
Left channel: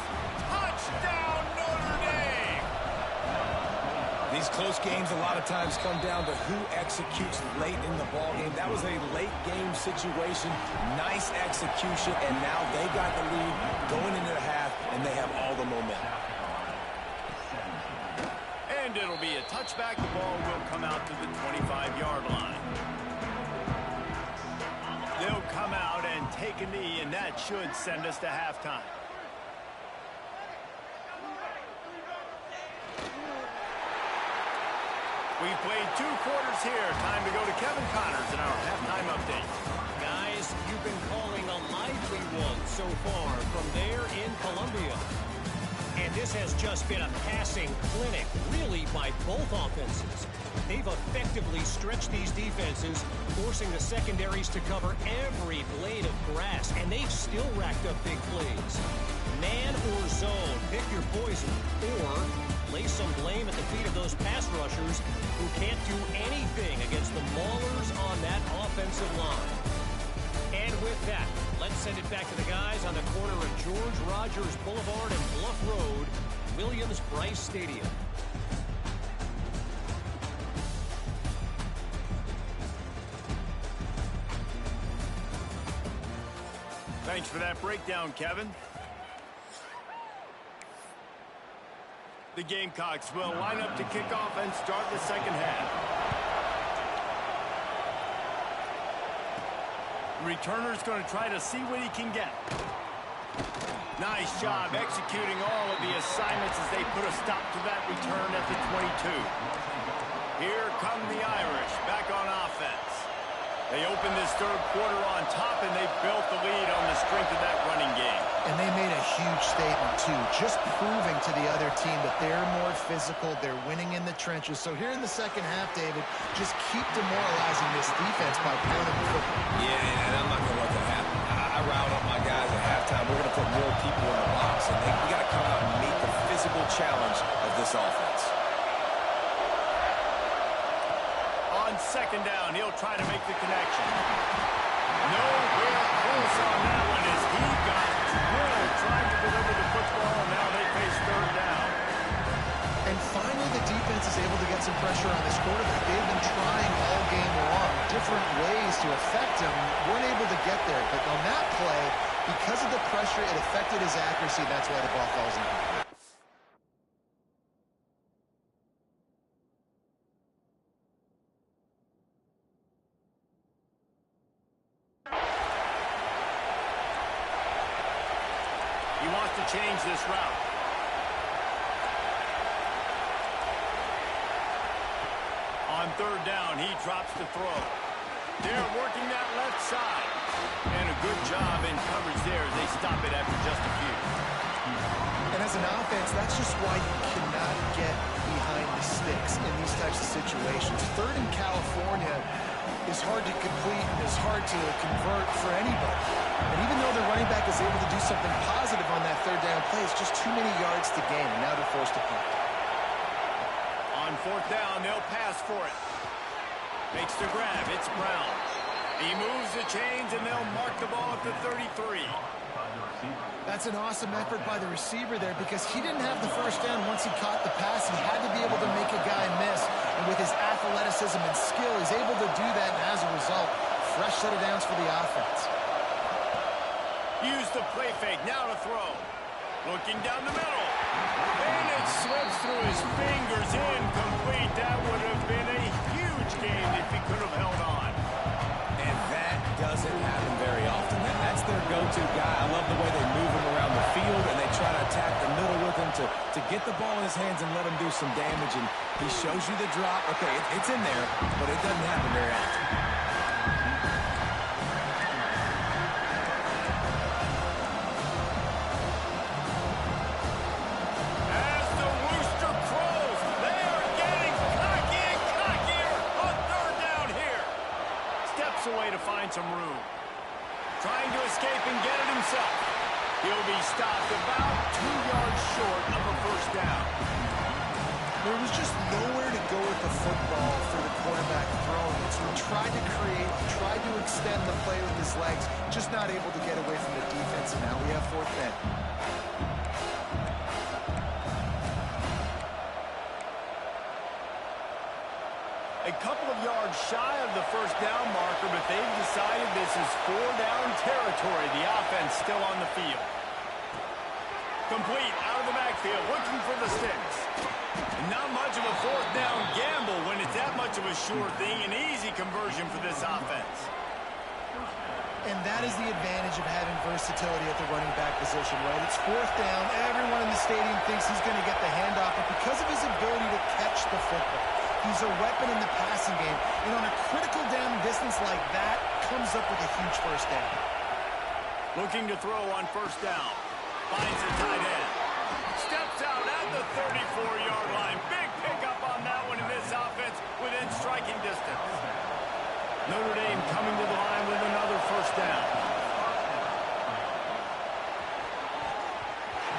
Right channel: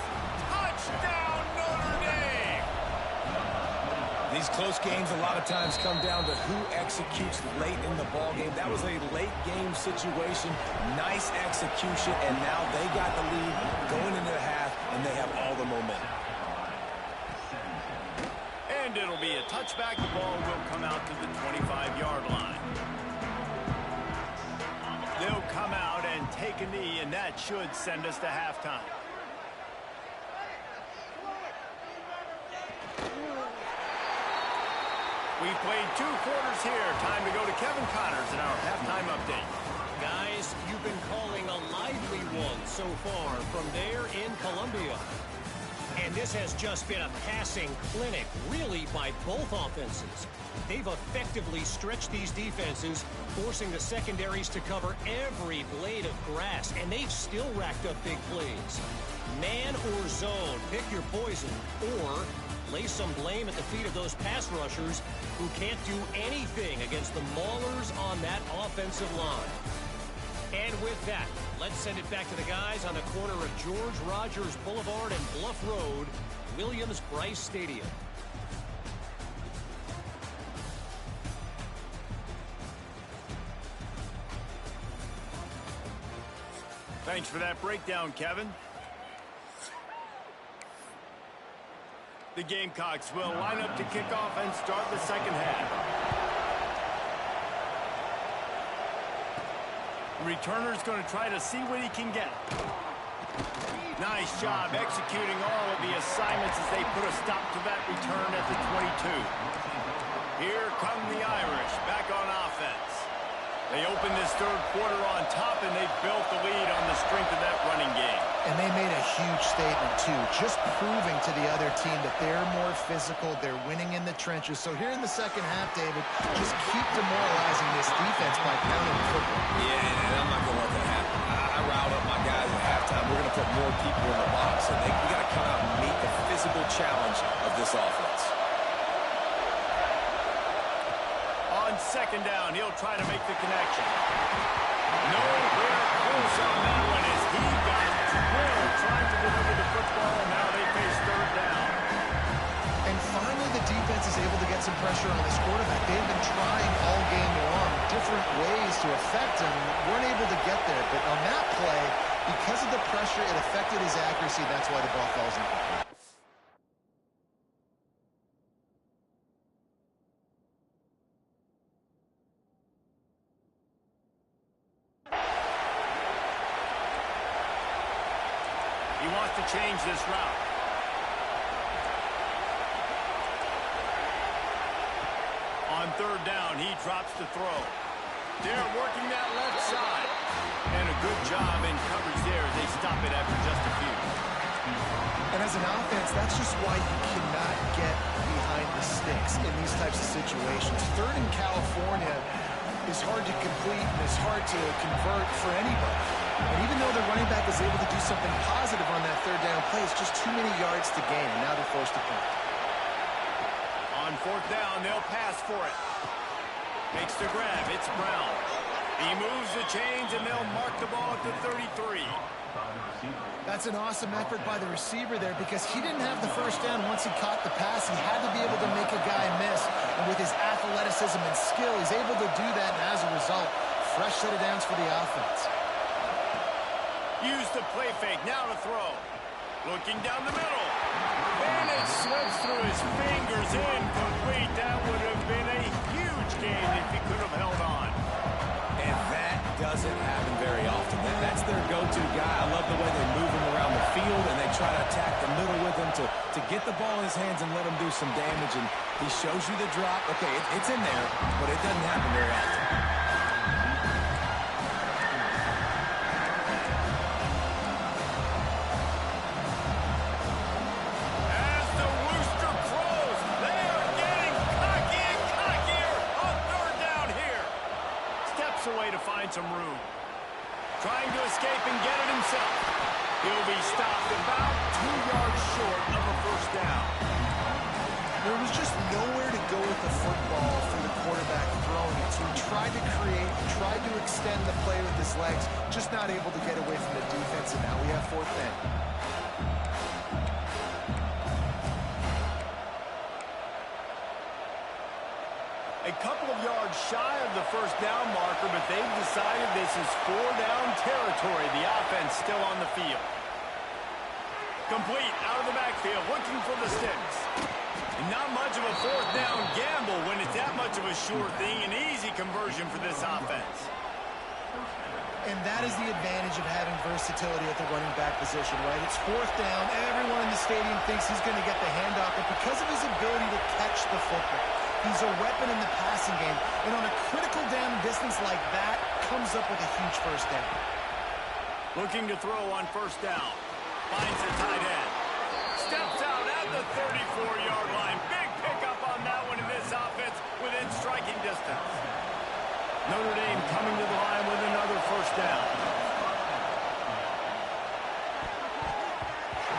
Touchdown, Notre Dame! These close games a lot of times come down to who executes late in the ball game. That was a late game situation, nice execution, and now they got the lead going into the half, and they have all the momentum. And it'll be a touchback. The ball will come out to the 25-yard line. They'll come out and take a knee, and that should send us to halftime. We've played 2 quarters here. Time to go to Kevin Connors in our halftime update. Guys, you've been calling a lively one so far from there in Columbia. And this has just been a passing clinic, really, by both offenses. They've effectively stretched these defenses, forcing the secondaries to cover every blade of grass, and they've still racked up big plays. Man or zone, pick your poison, or lay some blame at the feet of those pass rushers who can't do anything against the maulers on that offensive line. And with that, let's send it back to the guys on the corner of George Rogers Boulevard and Bluff Road, Williams-Brice Stadium. Thanks for that breakdown, Kevin. The Gamecocks will line up to kick off and start the second half. Returner's going to try to see what he can get. Nice job executing all of the assignments as they put a stop to that return at the 22. Here come the Irish back on offense. They opened this third quarter on top, and they built the lead on the strength of that running game. And they made a huge statement, too, just proving to the other team that they're more physical, they're winning in the trenches. So here in the second half, David, just keep demoralizing this defense by pounding the football. Yeah, and I'm not going to let that happen. I riled up my guys at halftime. We're going to put more people in the box, and we got to come out and meet the physical challenge of this offense. On second down, he'll try to make the connection. Nowhere close on that one as he got drilled trying to deliver the football, and now they face third down. And finally, the defense is able to get some pressure on this quarterback. They've been trying all game long, different ways to affect him. Weren't able to get there, but on that play, because of the pressure, it affected his accuracy. That's why the ball falls incomplete. He wants to change this route. On On third down, he drops to throw. They're working that left side. And a good job in coverage there as they stop it after just a few. And as an offense, that's just why you cannot get behind the sticks in these types of situations. Third in California is hard to complete and is hard to convert for anybody. And even though the running back is able to do something positive on that third down play, it's just too many yards to gain, and now they're forced to punt. On fourth down, they'll pass for it. Makes the grab. It's Brown. He moves the chains, and they'll mark the ball at the 33. That's an awesome effort by the receiver there because he didn't have the first down once he caught the pass. He had to be able to make a guy miss. And with his athleticism and skill, he's able to do that. And as a result, fresh set of downs for the offense. Use the play fake. Now to throw. Looking down the middle. And it slips through his fingers. Incomplete. That would have been a huge gain if he could have held on. And that doesn't happen very often. That's their go-to guy. I love the way they move him around the field, and they try to attack the middle with him to get the ball in his hands and let him do some damage. And he shows you the drop. Okay, it's in there, but it doesn't happen very often. Away to find some room. Trying to escape and get it himself. He'll be stopped about 2 yards short of a first down. There was just nowhere to go with the football for the quarterback throwing it. So he tried to create, tried to extend the play with his legs, just not able to get away from the defense, and now we have fourth down. A couple of yards shy of the first down marker, but they've decided this is 4-down territory. The offense still on the field. Complete out of the backfield, looking for the sticks. And not much of a fourth down gamble when it's that much of a sure thing. An easy conversion for this offense. And that is the advantage of having versatility at the running back position, right? It's fourth down. Everyone in the stadium thinks he's going to get the handoff, but because of his ability to catch the football, he's a weapon in the passing game. And on a critical down distance like that, comes up with a huge first down. Looking to throw on first down. Finds a tight end. Steps out at the 34-yard line. Big pickup on that one in this offense within striking distance. Notre Dame coming to the line with another first down.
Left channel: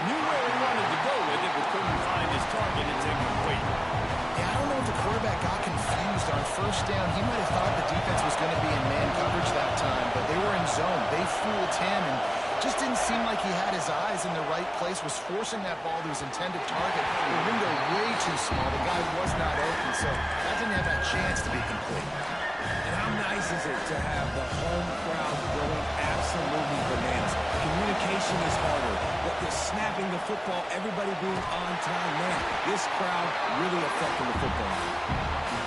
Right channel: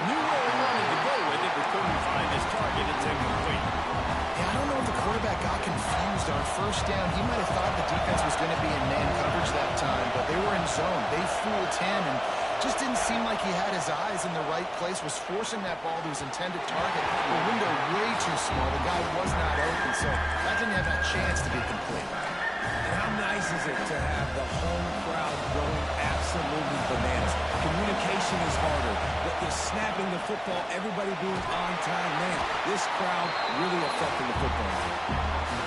Knew where he wanted to go with it, but couldn't find his target. It's incomplete. Yeah, I don't know if the quarterback got confused on first down. He might have thought the defense was going to be in man coverage that time, but they were in zone. They fooled him and just didn't seem like he had his eyes in the right place, was forcing that ball to his intended target. The window way too small. The guy was not open, so that didn't have that chance to be complete. And how nice is it to have the home crowd going absolutely bananas? Communication is harder. The snapping the football, everybody being on time. Man, this crowd really affecting the football.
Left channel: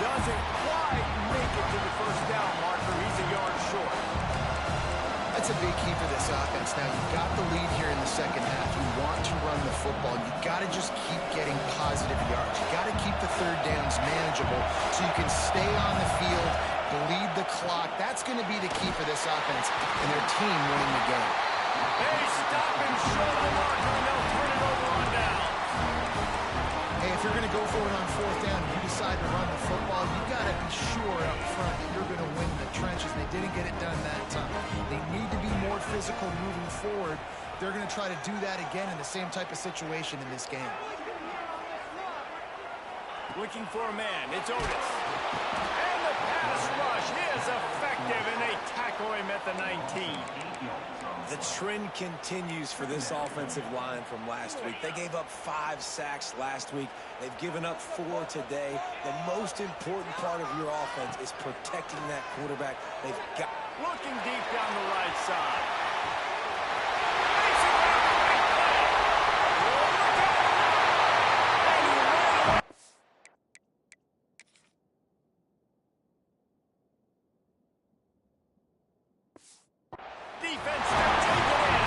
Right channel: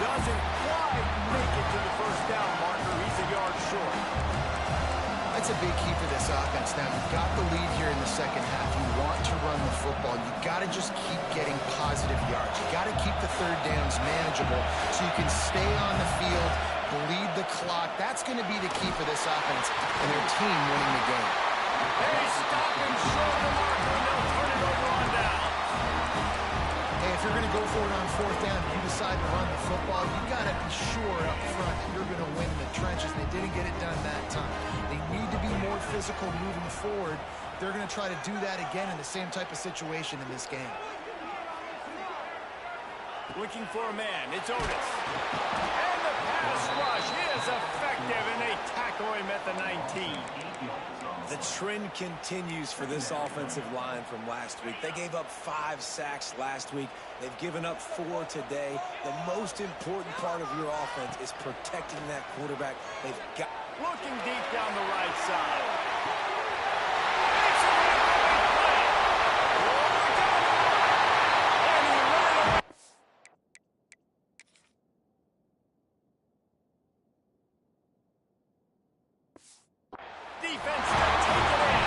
Doesn't quite make it to the first down marker. He's a yard short. That's a big key for this offense. Now, you've got the lead here in the second half. You want to run the football. You've got to just keep getting positive yards. You've got to keep the third downs manageable so you can stay on the field, bleed the clock. That's going to be the key for this offense and their team winning the game. They stop him short of the marker, and they'll turn it over on down. Hey, if you're going to go for it on fourth down, you decide to run the football, you got to be sure up front that you're going to win the trenches. They didn't get it done that time. They need to be more physical moving forward. They're going to try to do that again in the same type of situation in this game. Looking for a man. It's Otis. And the pass rush is effective, and they tackle him at the 19. The trend continues for this offensive line from last week. They gave up 5 sacks last week. They've given up 4 today. The most important part of your offense is protecting that quarterback. They've got... Looking deep down the right side. Makes it with a great play. Look out! And he ran away. Defense to take it in.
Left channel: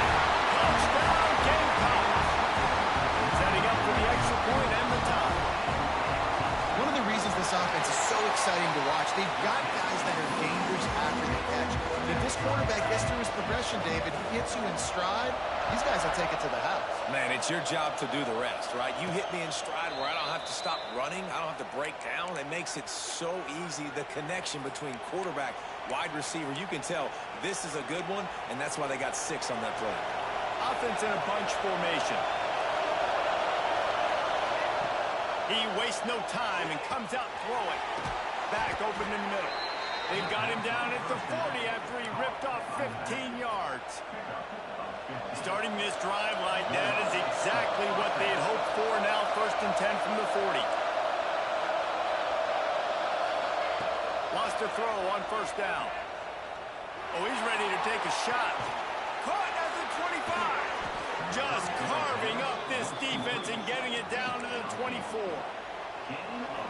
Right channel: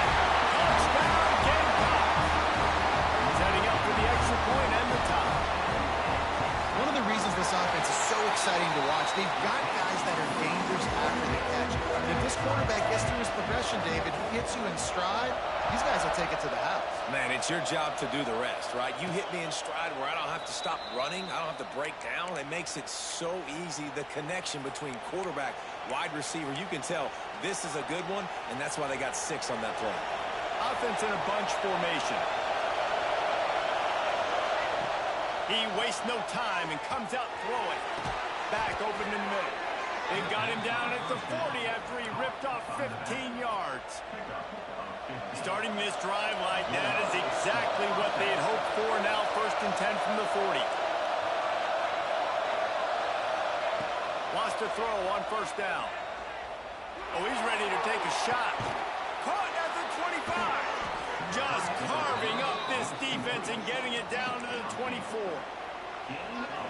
Touchdown, Gamecocks. Setting up for the extra point and the tie. One of the reasons of this offense is so exciting to watch. They've got guys that are dangerous after the catch. And if this quarterback gets through his progression, David, he hits you in stride, these guys will take it to the house. Man, it's your job to do the rest, right? You hit me in stride where I don't have to stop running. I don't have to break down. It makes it so easy. The connection between quarterback, wide receiver, you can tell this is a good one, and that's why they got 6 on that play. Offense in a bunch formation. He wastes no time and comes out throwing. Back open in the middle. They've got him down at the 40 after he ripped off 15 yards. Starting this drive like that is exactly what they had hoped for. Now 1st and 10 from the 40. Wants to throw on 1st down. Oh, he's ready to take a shot. Caught at the 25. Just carving up this defense and getting it down to the 24.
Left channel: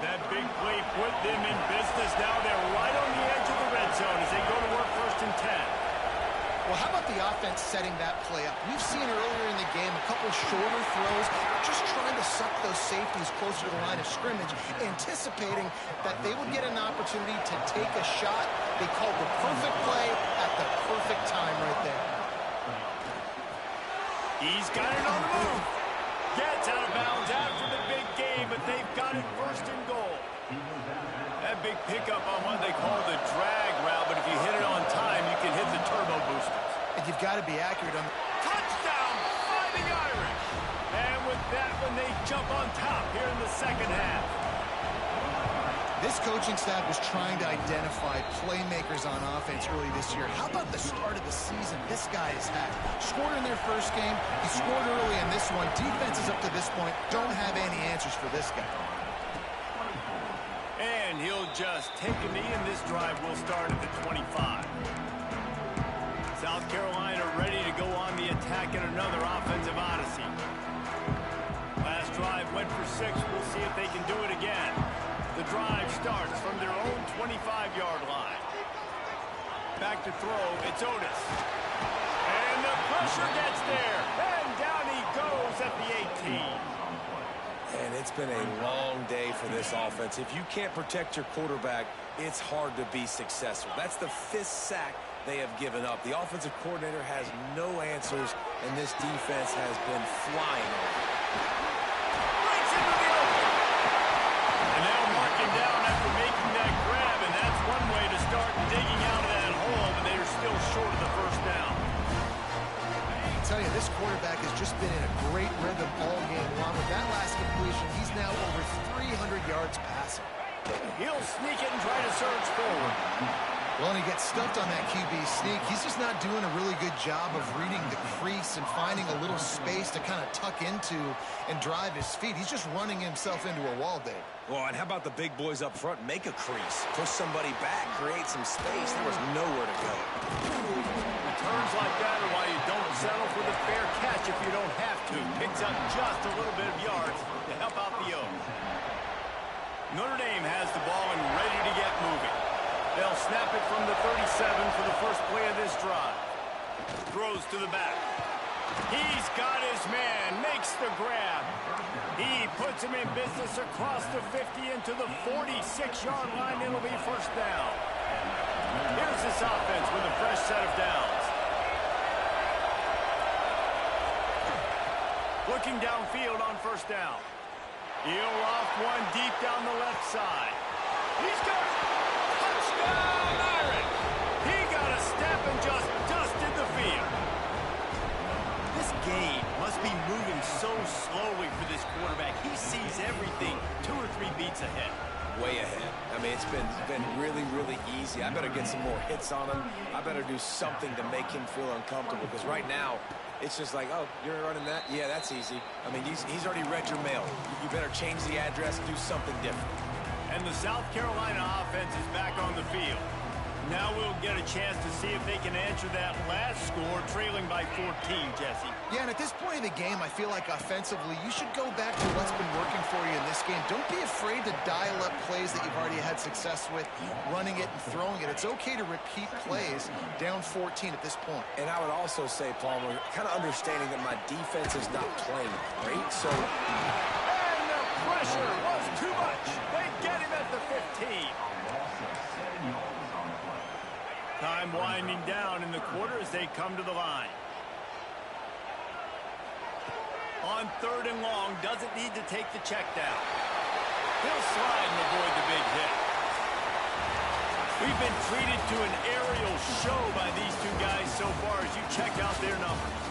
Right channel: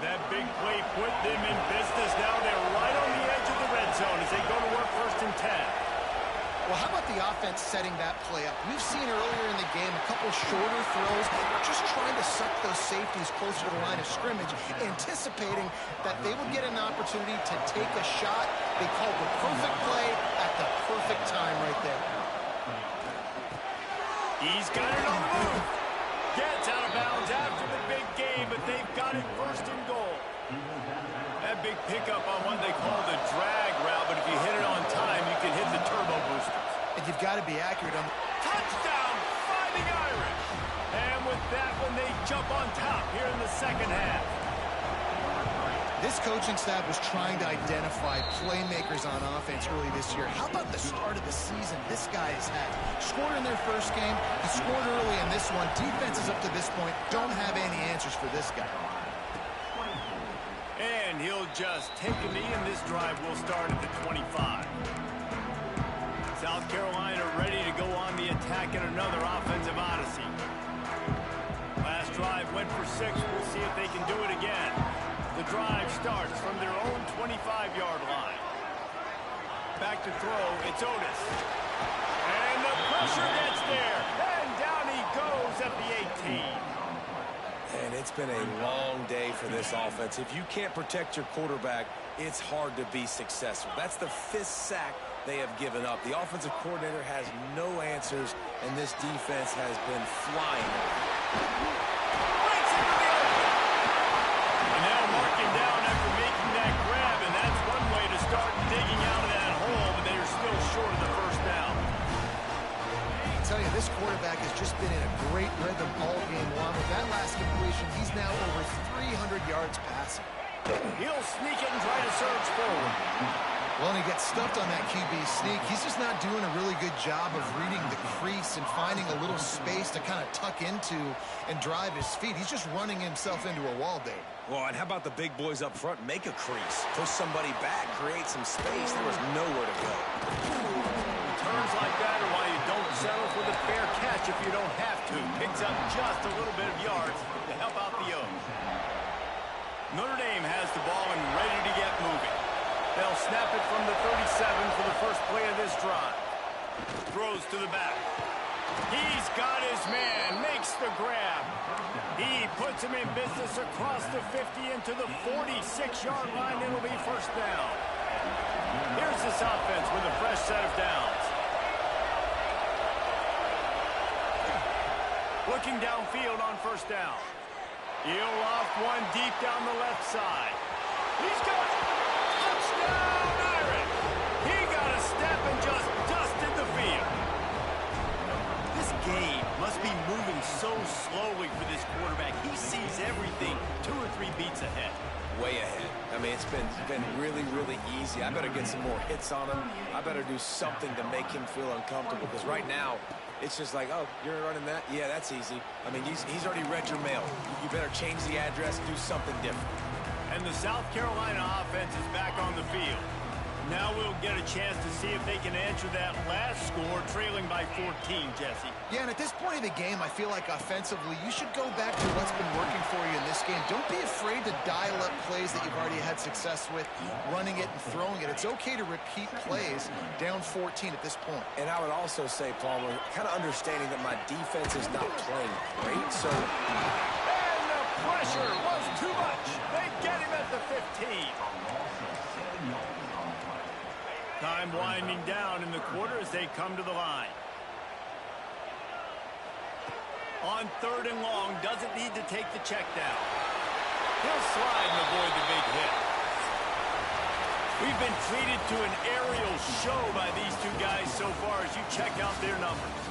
That big play put them in business. Now they're right on the edge of the red zone as they go to work 1st and 10. Well, how about the offense setting that play up? We've seen earlier in the game a couple shorter throws, just trying to suck those safeties closer to the line of scrimmage, anticipating that they would get an opportunity to take a shot. They called the perfect play at the perfect time right there. He's got it on the move. Gets out of bounds after the big game, but they've got it 1st and goal. That big pickup on what they call the drag route, but if you hit it on time, you can hit the turbo boosters. And you've got to be accurate on... Touchdown, Fighting Irish! And with that one, they jump on top here in the 2nd half. This coaching staff was trying to identify playmakers on offense early this year. How about the start of the season this guy has had? Scored in their 1st game. He scored early in this one. Defenses up to this point don't have any answers for this guy. And he'll just take a knee, and this drive will start at the 25. South Carolina ready to go on the attack in another offensive odyssey. Last drive went for 6. We'll see if they can do it again. The drive starts from their own 25-yard line. Back to throw, it's Otis. And the pressure gets there. And down he goes at the 18. And it's been a long day for this offense. If you can't protect your quarterback, it's hard to be successful. That's the 5th sack they have given up. The offensive coordinator has no answers, and this defense has been flying. Breaks into the open. And now marking down after making that grab, and that's one way to start digging out of that hole, but they are still short of the 1st down. I tell you, this quarterback has just been in a great rhythm all game long. With that last completion, he's now over 300 yards passing. He'll sneak it and try to surge forward. Well, and he gets stuffed on that QB sneak. He's just not doing a really good job of reading the crease and finding a little space to kind of tuck into and drive his feet. He's just running himself into a wall, Dave. Well, and how about the big boys up front? Make a crease. Push somebody back. Create some space. There was nowhere to go. Turns like that are why you don't settle for the fair catch if you don't have to. Picks up just a little bit of yards to help out the O's. Notre Dame has the ball and ready to get moving. They'll snap it from the 37 for the 1st play of this drive. Throws to the back. He's got his man, makes the grab. He puts him in business across the 50 into the 46-yard line. It'll be 1st down. Here's this offense with a fresh set of downs. Looking downfield on 1st down. He'll off one deep down the left side. He's got it. Touchdown, Irish. He got a step and just dusted the field. This game must be moving so slowly for this quarterback. He sees everything 2 or 3 beats ahead. Way ahead. I mean, it's been really, really easy. I better get some more hits on him. I better do something to make him feel uncomfortable, because right now, it's just like, oh, you're running that? Yeah, that's easy. I mean, he's already read your mail. You better change the address, do something different. And the South Carolina offense is back on the field. Now we'll get a chance to see if they can answer that last score, trailing by 14, Jesse. Yeah, and at this point in the game, I feel like offensively, you should go back to what's been working for you in this game. Don't be afraid to dial up plays that you've already had success with, running it and throwing it. It's okay to repeat plays down 14 at this point. And I would also say, Palmer, kind of understanding that my defense is not playing great, so... And the pressure was too much. They get him at the Time winding down in the quarter as they come to the line. On 3rd and long, doesn't need to take the check down. He'll slide and avoid the big hit. We've been treated to an aerial show by these two guys so far as you check out their numbers.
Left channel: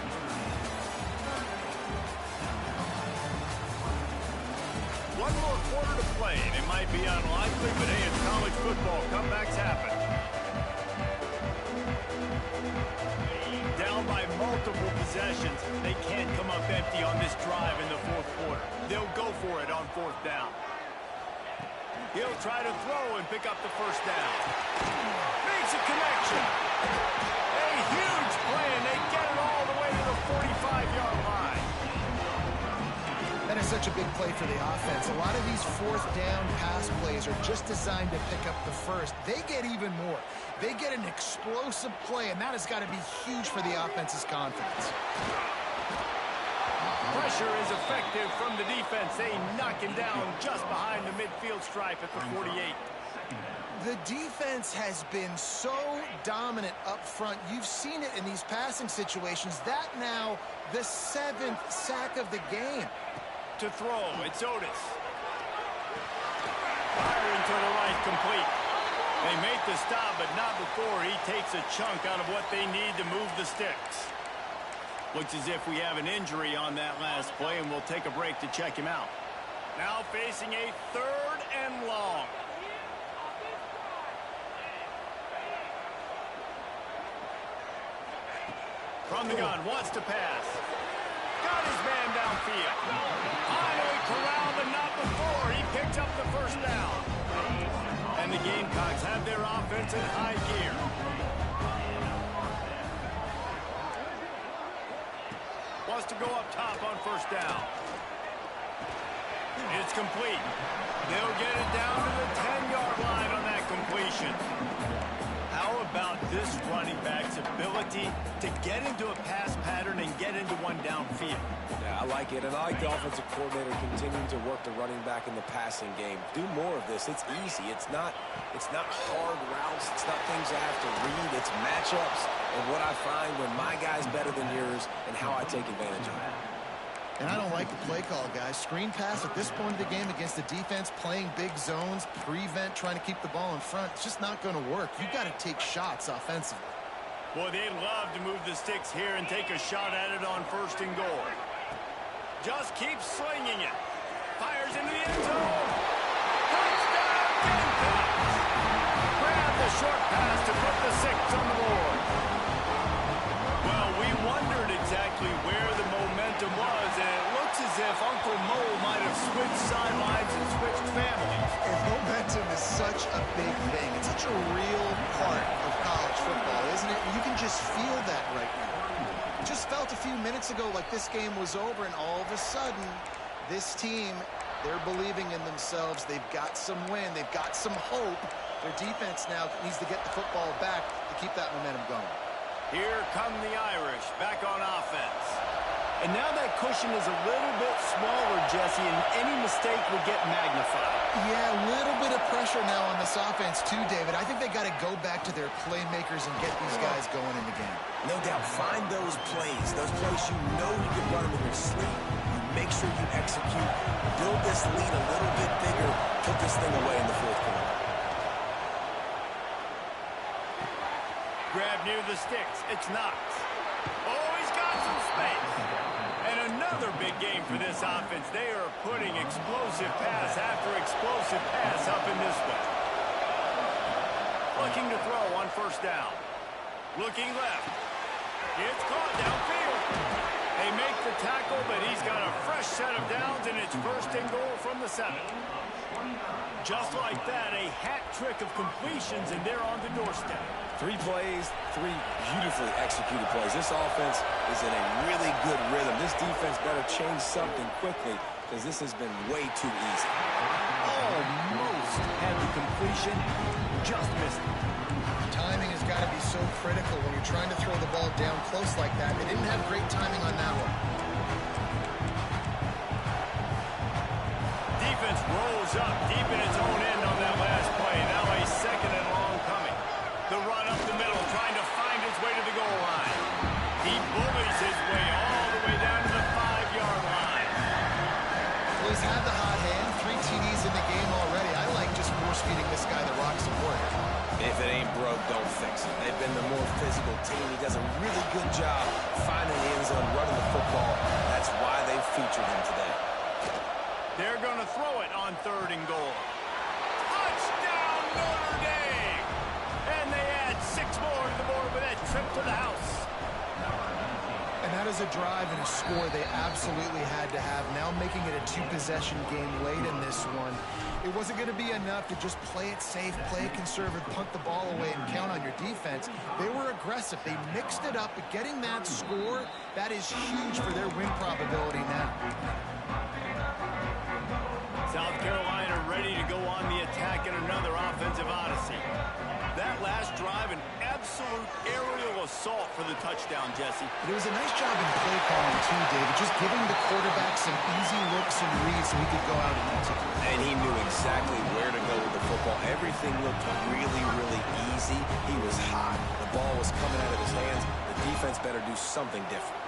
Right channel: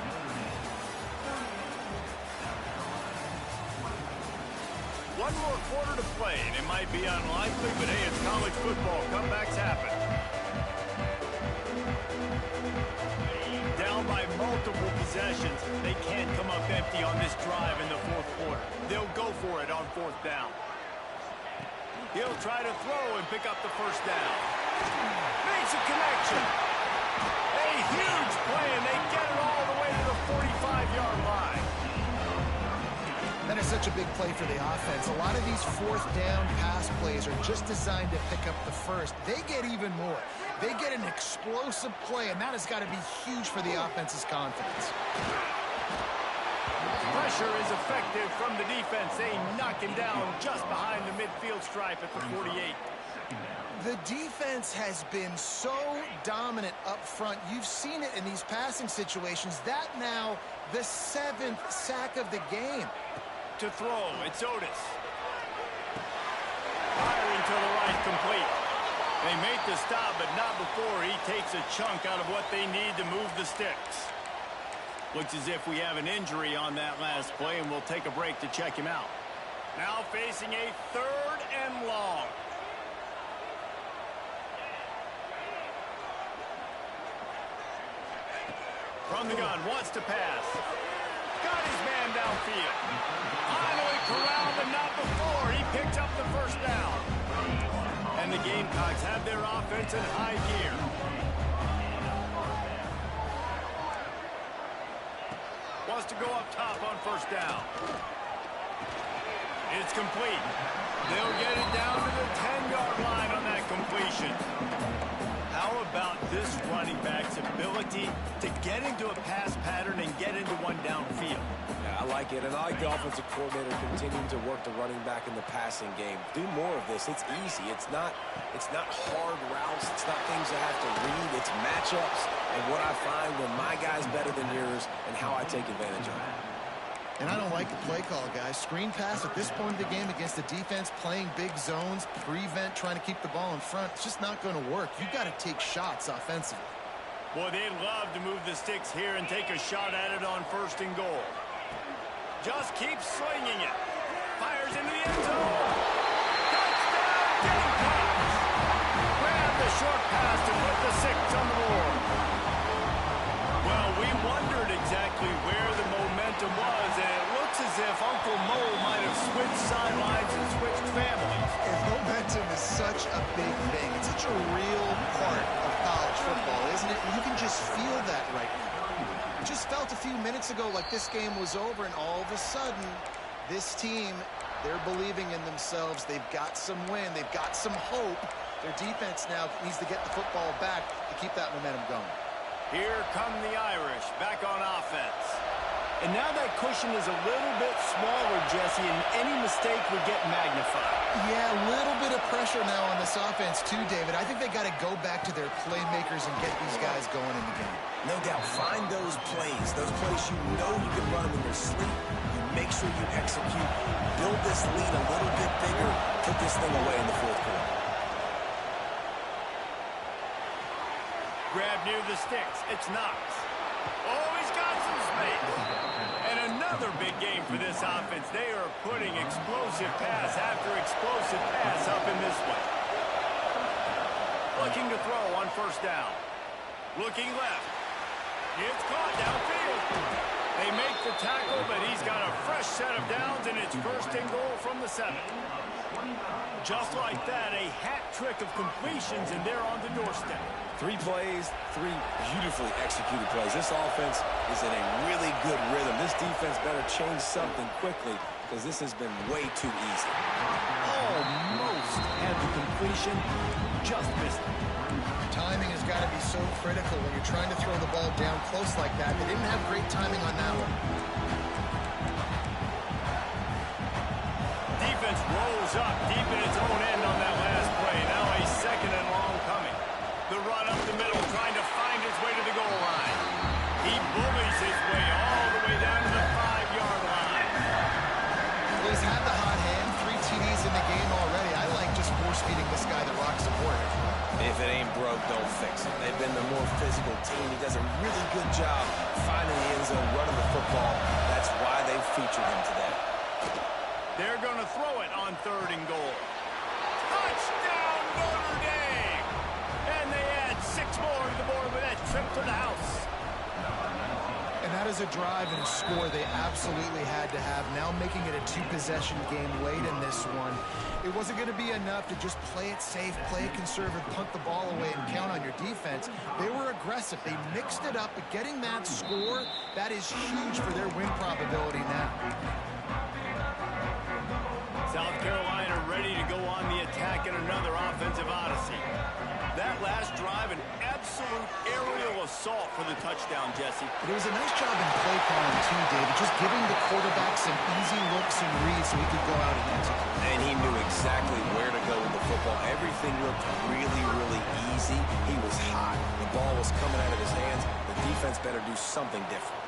One more quarter to play, and it might be unlikely, but hey, it's college football. Comebacks happen. Down by multiple possessions, they can't come up empty on this drive in the 4th quarter. They'll go for it on 4th down. He'll try to throw and pick up the 1st down. Makes a connection. A huge play, and they get it all the way to the 45-yard line. That is such a big play for the offense. A lot of these 4th down pass plays are just designed to pick up the 1st. They get even more. They get an explosive play, and that has got to be huge for the offense's confidence. Pressure is effective from the defense. They knock him down just behind the midfield stripe at the 48. The defense has been so dominant up front. You've seen it in these passing situations. That now the 7th sack of the game. To throw, it's Otis. Firing to the right, complete. They make the stop, but not before he takes a chunk out of what they need to move the sticks. Looks as if we have an injury on that last play, and we'll take a break to check him out. Now facing a 3rd and long. From the gun, wants to pass. Got his man downfield. Finally corralled, but not before. He picked up the 1st down. And the Gamecocks have their offense in high gear. Wants to go up top on 1st down. It's complete. They'll get it down to the 10-yard line on that completion. How about this running back's ability to get into a pass pattern and get into one downfield? Yeah, I like it, and I like the offensive coordinator continuing to work the running back in the passing game. Do more of this. It's easy. It's not hard routes. It's not things I have to read. It's matchups and what I find when my guy's better than yours and how I take advantage of it. And I don't like the play call, guys. Screen pass at this point of the game against the defense, playing big zones, prevent, trying to keep the ball in front. It's just not going to work. You've got to take shots offensively. Boy, they'd love to move the sticks here and take a shot at it on 1st and goal. Just keeps slinging it. Fires into the end zone. Touchdown, Gamecocks! Grab the short pass to put the 6 on the board. Well, we wondered exactly where the momentum was, and it looks as if Uncle Mo might have switched sidelines and switched families. And momentum is such a big thing. It's such a real part of college football, isn't it? And you can just feel that right now. It just felt a few minutes ago like this game was over, and all of a sudden, this team, they're believing in themselves. They've got some win. They've got some hope. Their defense now needs to get the football back to keep that momentum going. Here come the Irish, back on offense. And now that cushion is a little bit smaller, Jesse, and any mistake would get magnified. Yeah, a little bit of pressure now on this offense too, David. I think they got to go back to their playmakers and get these guys going in the game. No doubt. Find those plays you know you can run them in your sleep. You make sure you execute. Build this lead a little bit bigger. Put this thing away in the 4th quarter. Grab near the sticks. It's Knox. Oh, he's got some space. And another big game for this offense. They are putting explosive pass after explosive pass up in this one. Looking to throw on 1st down. Looking left. It's caught downfield. They make the tackle, but he's got a fresh set of downs, and it's 1st and goal from the 7. Just like that, a hat trick of completions, and they're on the doorstep. 3 plays, 3 beautifully executed plays. This offense is in a really good rhythm. This defense better change something quickly because this has been way too easy. Almost had the completion, just missed it. Timing has got to be so critical when you're trying to throw the ball down close like that. They didn't have great timing on that one. Defense rolls up deep in its own end on that last play. Now a 2nd and long coming. The run up the middle, trying to find his way to the goal line. He bullies his way all the way down to the 5-yard line. Well, he's had the hot hand, 3 TDs in the game already. I like just force-feeding this guy the rock support. If it ain't broke, don't fix it. They've been the more physical team. He does a really good job finding the end zone, running the football. That's why they featured him today. They're going to throw it on 3rd and goal. Touchdown, Notre Dame! And they add 6 more to the board with that trip to the house. And that is a drive and a score they absolutely had to have. Now making it a 2-possession game late in this one. It wasn't going to be enough to just play it safe, play it conservative, punt the ball away, and count on your defense. They were aggressive. They mixed it up, but getting that score, that is huge for their win probability now. South Carolina ready to go on the attack in another offensive odyssey. That last drive, an absolute aerial assault for the touchdown, Jesse. But it was a nice job in play calling, too, David. Just giving the quarterback some easy looks and reads so he could go out and execute. And he knew exactly where to go with the football. Everything looked really, really easy. He was hot. The ball was coming out of his hands. The defense better do something different.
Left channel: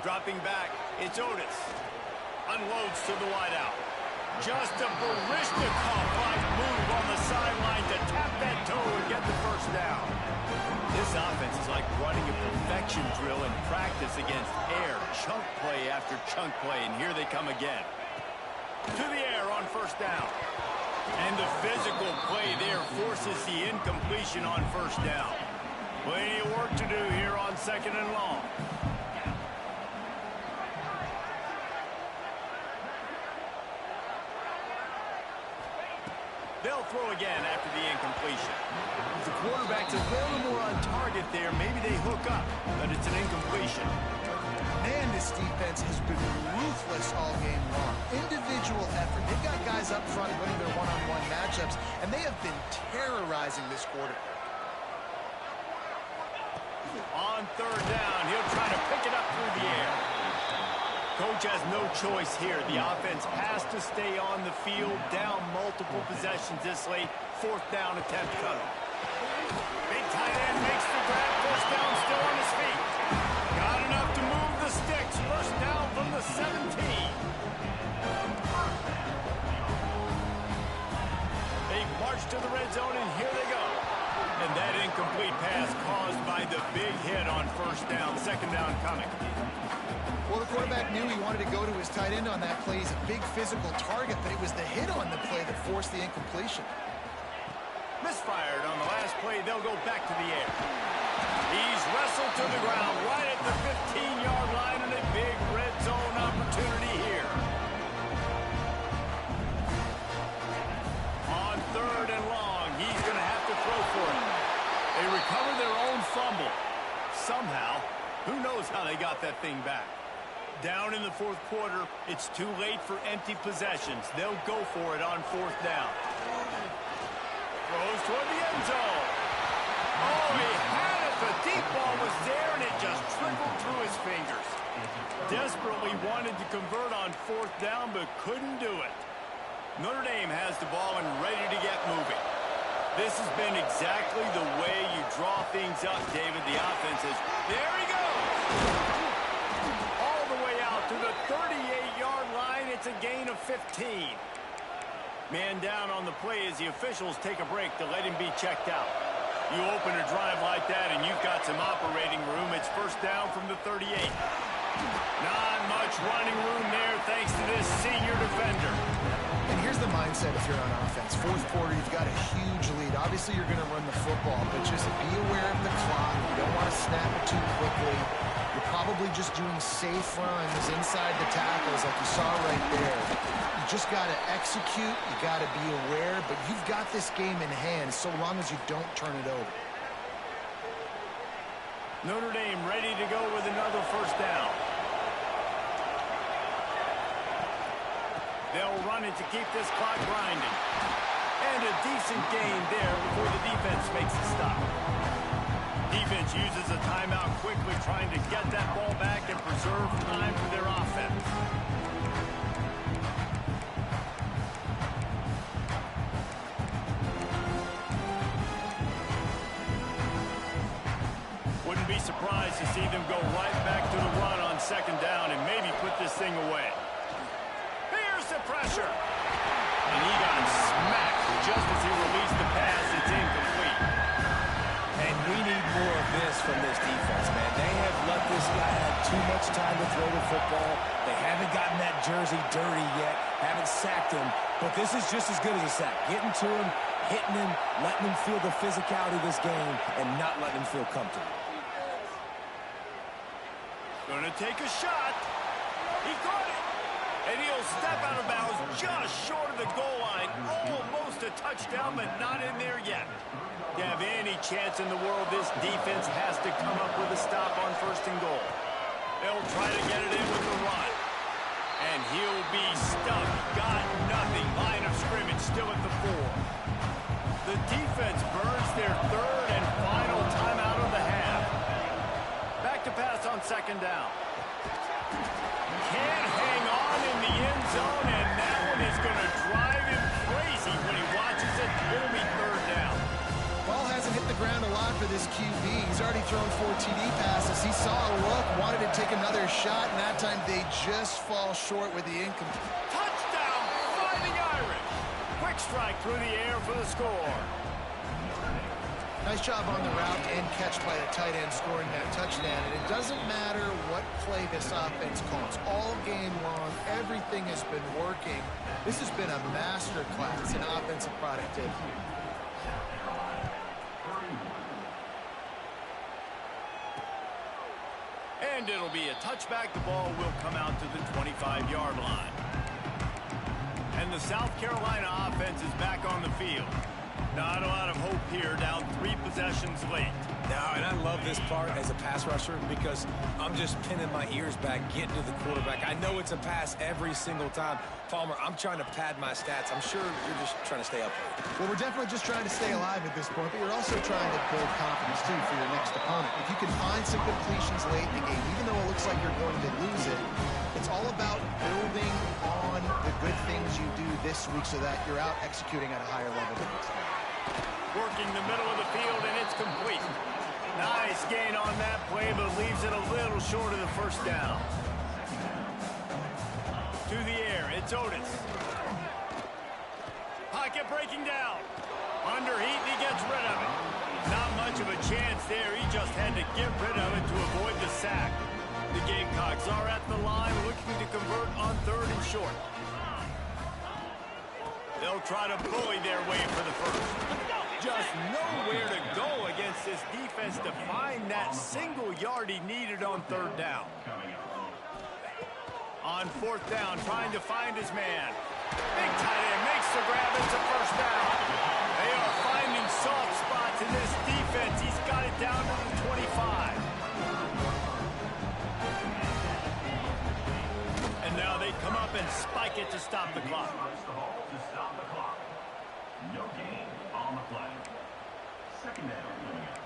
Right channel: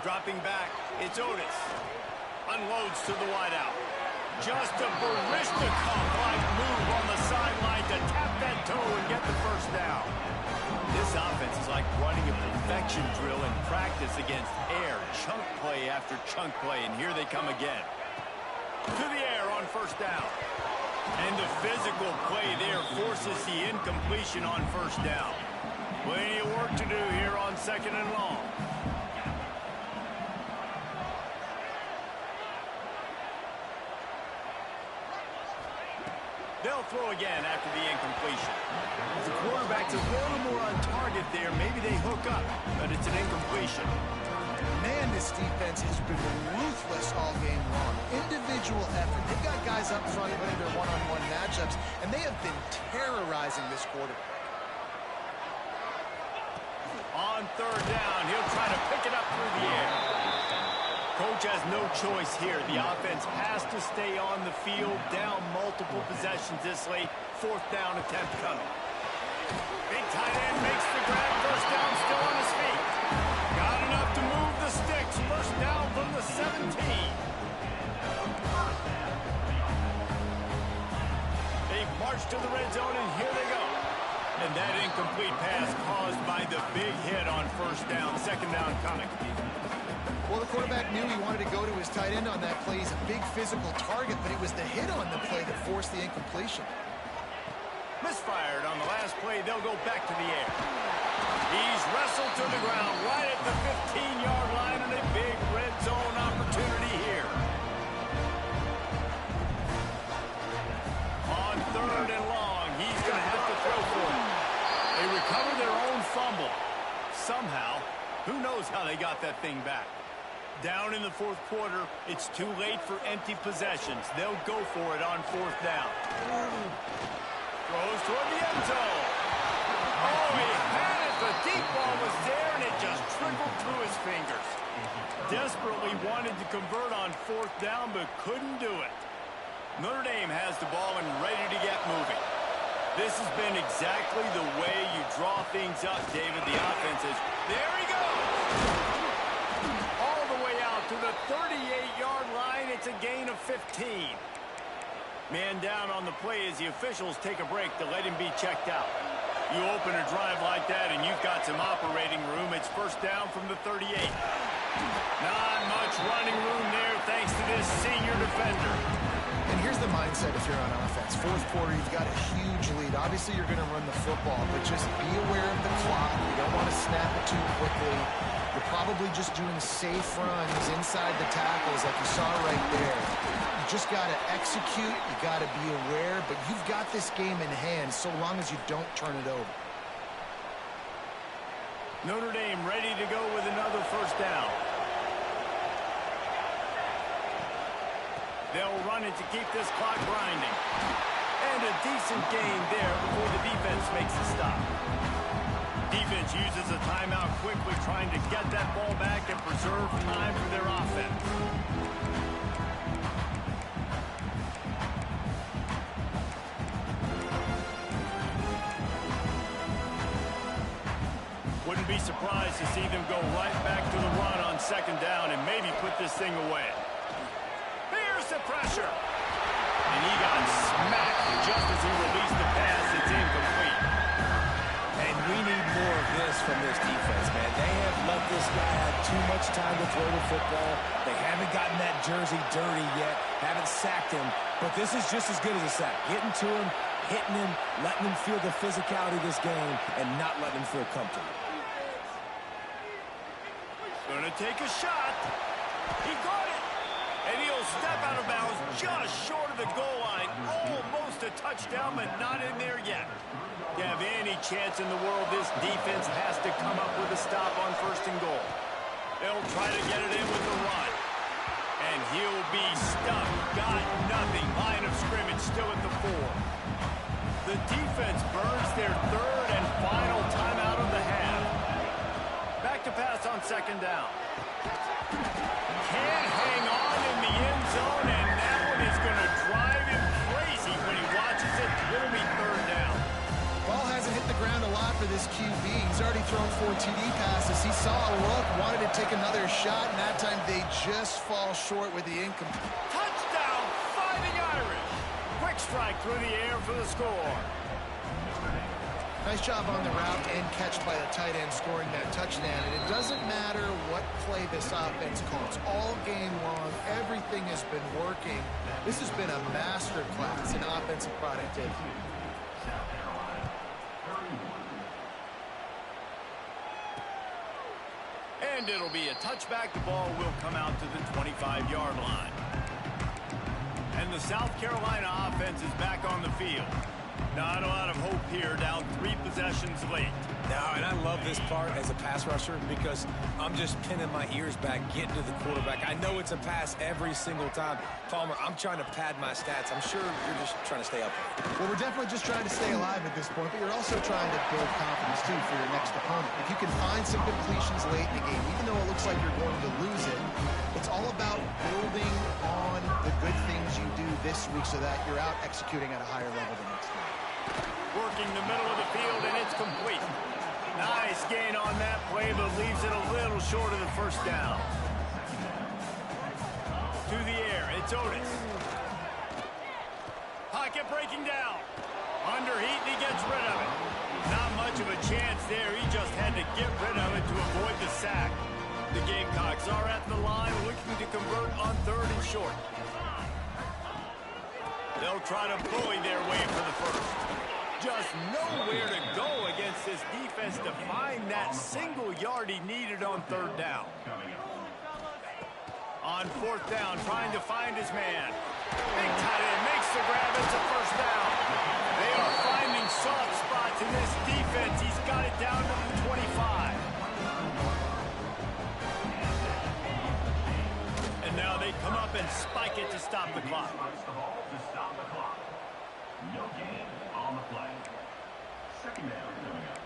Dropping back, it's Otis. Unloads to the wideout. Just a Barishnikov-like move on the sideline to tap that toe and get the first down. This offense is like running a perfection drill in practice against air. Chunk play after chunk play, and here they come again. To the air on 1st down. And the physical play there forces the incompletion on 1st down. Plenty of work to do here on 2nd and long. They'll throw again after the incompletion. The quarterback's a little more on target there. Maybe they hook up, but it's an incompletion. Man, this defense has been ruthless all game long. Individual effort. They've got guys up front winning their one-on-one matchups, and they have been terrorizing this quarterback. On 3rd down, he'll try to pick it up through the air. Coach has no choice here. The offense has to stay on the field, down multiple possessions this late. 4th down attempt coming. Big tight end makes the grab. 1st down, still on his feet. Got enough to move the sticks. 1st down from the 17. They march to the red zone, and here they go. And that incomplete pass caused by the big hit on 1st down. 2nd down coming. Well, the quarterback knew he wanted to go to his tight end on that play. He's a big physical target, but it was the hit on the play that forced the incompletion. Misfired on the last play. They'll go back to the air. He's wrestled to the ground right at the 15-yard line, and a big red zone opportunity here. On 3rd and long, he's going to have to throw for it. They recover their own fumble. Somehow, who knows how they got that thing back. Down in the 4th quarter, it's too late for empty possessions. They'll go for it on 4th down. Throws toward the end zone. Oh, he had it. The deep ball was there, and it just trickled through his fingers. Desperately wanted to convert on 4th down, but couldn't do it. Notre Dame has the ball and ready to get moving. This has been exactly the way you draw things up, David. The offense is, there he goes. All the way out to the 38-yard line. It's a gain of 15. Man down on the play as the officials take a break to let him be checked out. You open a drive like that and you've got some operating room. It's 1st down from the 38. Not much running room there thanks to this senior defender. And here's the mindset if you're on offense. 4th quarter, you've got a huge lead. Obviously, you're going to run the football, but just be aware of the clock. You don't want to snap it too quickly. You're probably just doing safe runs inside the tackles like you saw right there. You just got to execute. You got to be aware, but you've got this game in hand so long as you don't turn it over. Notre Dame ready to go with another 1st down. They'll run it to keep this clock grinding. And a decent gain there before the defense makes a stop. Defense uses a timeout quickly, trying to get that ball back and preserve time for their offense. wouldn't be surprised to see them go right back to the run on second down and maybe put this thing away. Here's the pressure. And he got smacked just as he released the pass. It's incomplete. And we need more of this from this defense, man. They have let this guy have too much time to throw the football. They haven't gotten that jersey dirty yet, haven't sacked him. But this is just as good as a sack. Getting to him, hitting him, letting him feel the physicality of this game, and not letting him feel comfortable. Gonna take a shot. He caught it. And he'll step out of bounds just short of the goal line. Almost a touchdown, but not in there yet. To have any chance in the world, this defense has to come up with a stop on first and goal. They'll try to get it in with the run. And he'll be stuck. Got nothing. Line of scrimmage still at the 4. The defense burns their third and final timeout of the half. Back to pass on second down. Can't hang on in the end zone, and that one is going to drive him crazy when he watches it. It'll be third down. Ball hasn't hit the ground a lot for this QB. He's already thrown 4 TD passes. He saw a look, wanted to take another shot, and that time they just fall short with the incomplete. Touchdown, Fighting Irish. Quick strike through the air for the score. Nice job on the route and catch by the tight end scoring that touchdown. And it doesn't matter what play this offense calls. All game long, everything has been working. This has been a master class in offensive productivity. And it'll be a touchback. The ball will come out to the 25-yard line. And the South Carolina offense is back on the field. Not a lot of hope here, down 3 possessions late. No, and I love this part as a pass rusher because I'm just pinning my ears back, getting to the quarterback. I know it's a pass every single time. Palmer, I'm trying to pad my stats. I'm sure you're just trying to stay up here. Well, we're definitely just trying to stay alive at this point, but you're also trying to build confidence, too, for your next opponent. If you can find some completions late in the game, even though it looks like you're going to lose it, it's all about building on the good things you do this week so that you're out executing at a higher level the next time. Working the middle of the field, and it's complete. Nice gain on that play, but leaves it a little short of the first down. To the air, it's Otis. Pocket breaking down. Under heat, and he gets rid of it. Not much of a chance there. He just had to get rid of it to avoid the sack. The Gamecocks are at the line looking to convert on third and short. They'll try to bully their way for the first. Just nowhere to go against this defense to find that single yard he needed on third down. On fourth down, trying to find his man. Big tight end makes the grab. It's a first down. They are finding soft spots in this defense. He's got it down to the 25. And now they come up and spike it to stop the clock. No gain on the play. Second down coming up.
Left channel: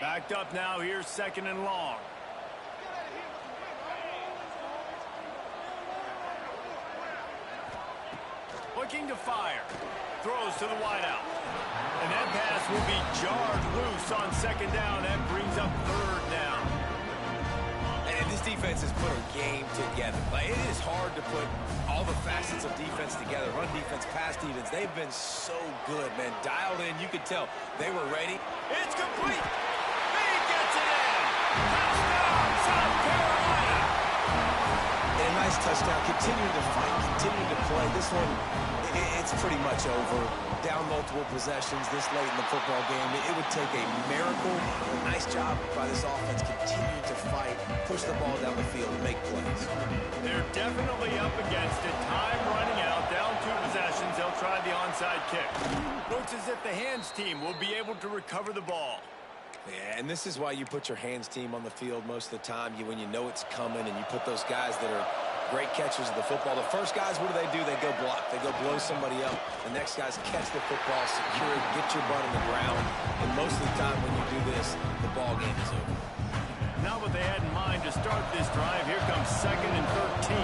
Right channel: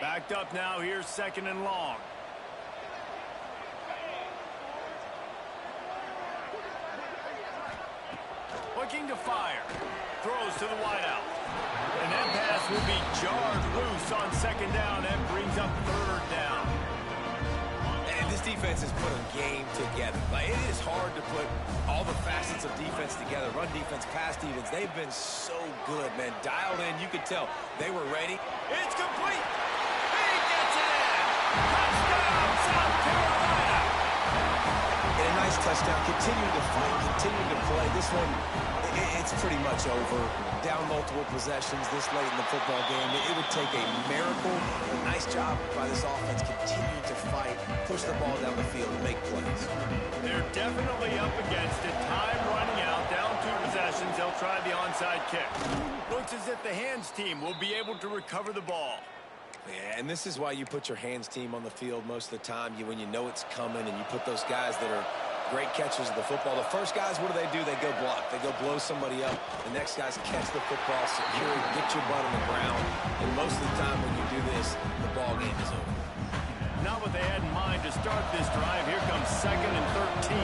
Backed up now. Here's second and long. Looking to fire. Throws to the wideout. And that pass will be jarred loose on second down. That brings up third down. And this defense has put a game together. Like, it is hard to put all the facets of defense together. Run defense, pass defense. They've been so good, man. Dialed in. You could tell they were ready. It's complete. He gets it in. Touchdown, South Carolina. And a nice touchdown. Continuing to fight, continuing to play. This one, it's pretty much over. Down multiple possessions this late in the football game. It would take a miracle. A nice job by this offense continuing to fight, push the ball down the field, and make plays. They're definitely up against it. Time running out. Down 2 possessions. They'll try the onside kick. Looks as if the hands team will be able to recover the ball. Yeah, and this is why you put your hands team on the field most of the time. When you know it's coming, and you put those guys that are great catchers of the football. The first guys, what do? They go block. They go blow somebody up. The next guys catch the football, secure it, get your butt on the ground. And most of the time when you do this, the ball game is over. Not what they had in mind to start this drive. Here comes second and 13.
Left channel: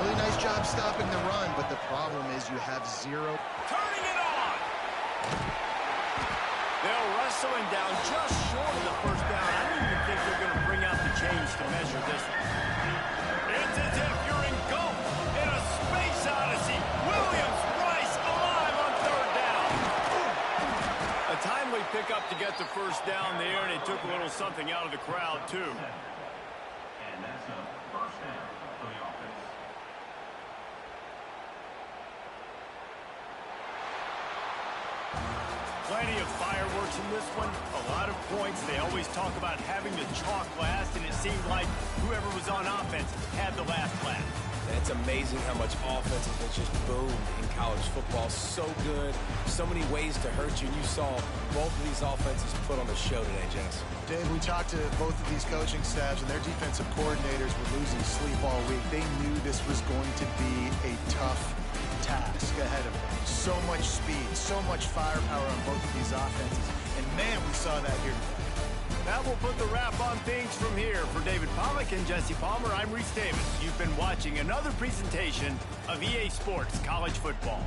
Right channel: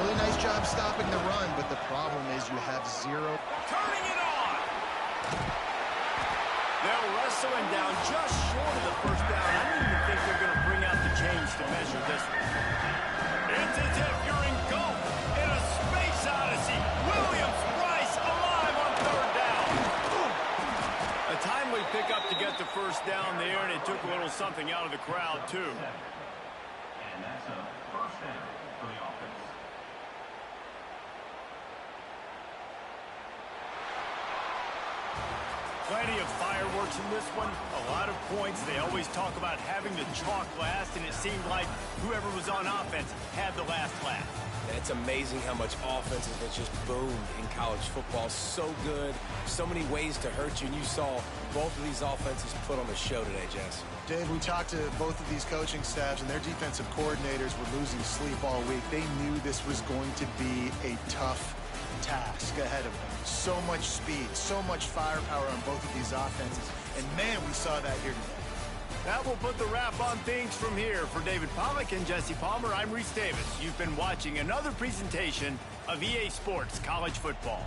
Really nice job stopping the run, but the problem is you have 0. Turning it on. They'll wrestle him down just short of the first down. I don't even think they're going to bring out the chains to measure this one. It's as if you're engulfed in a space odyssey. Williams-Brice alive on third down. A timely pickup to get the first down there, and it took a little something out of the crowd, too. And that's a first down for the offense. Plenty of fireworks in this one, a lot of points. They always talk about having the chalk last, and it seemed like whoever was on offense had the last laugh. It's amazing how much offense has just boomed in college football. So good, so many ways to hurt you, and you saw both of these offenses put on the show today, Jess. Dave, we talked to both of these coaching staffs, and their defensive coordinators were losing sleep all week. They knew this was going to be a tough task ahead of them. So much speed, so much firepower on both of these offenses. And man, we saw that here today. That will put the wrap on things from here. For David Pollack and Jesse Palmer, I'm Reese Davis. You've been watching another presentation of EA Sports College Football.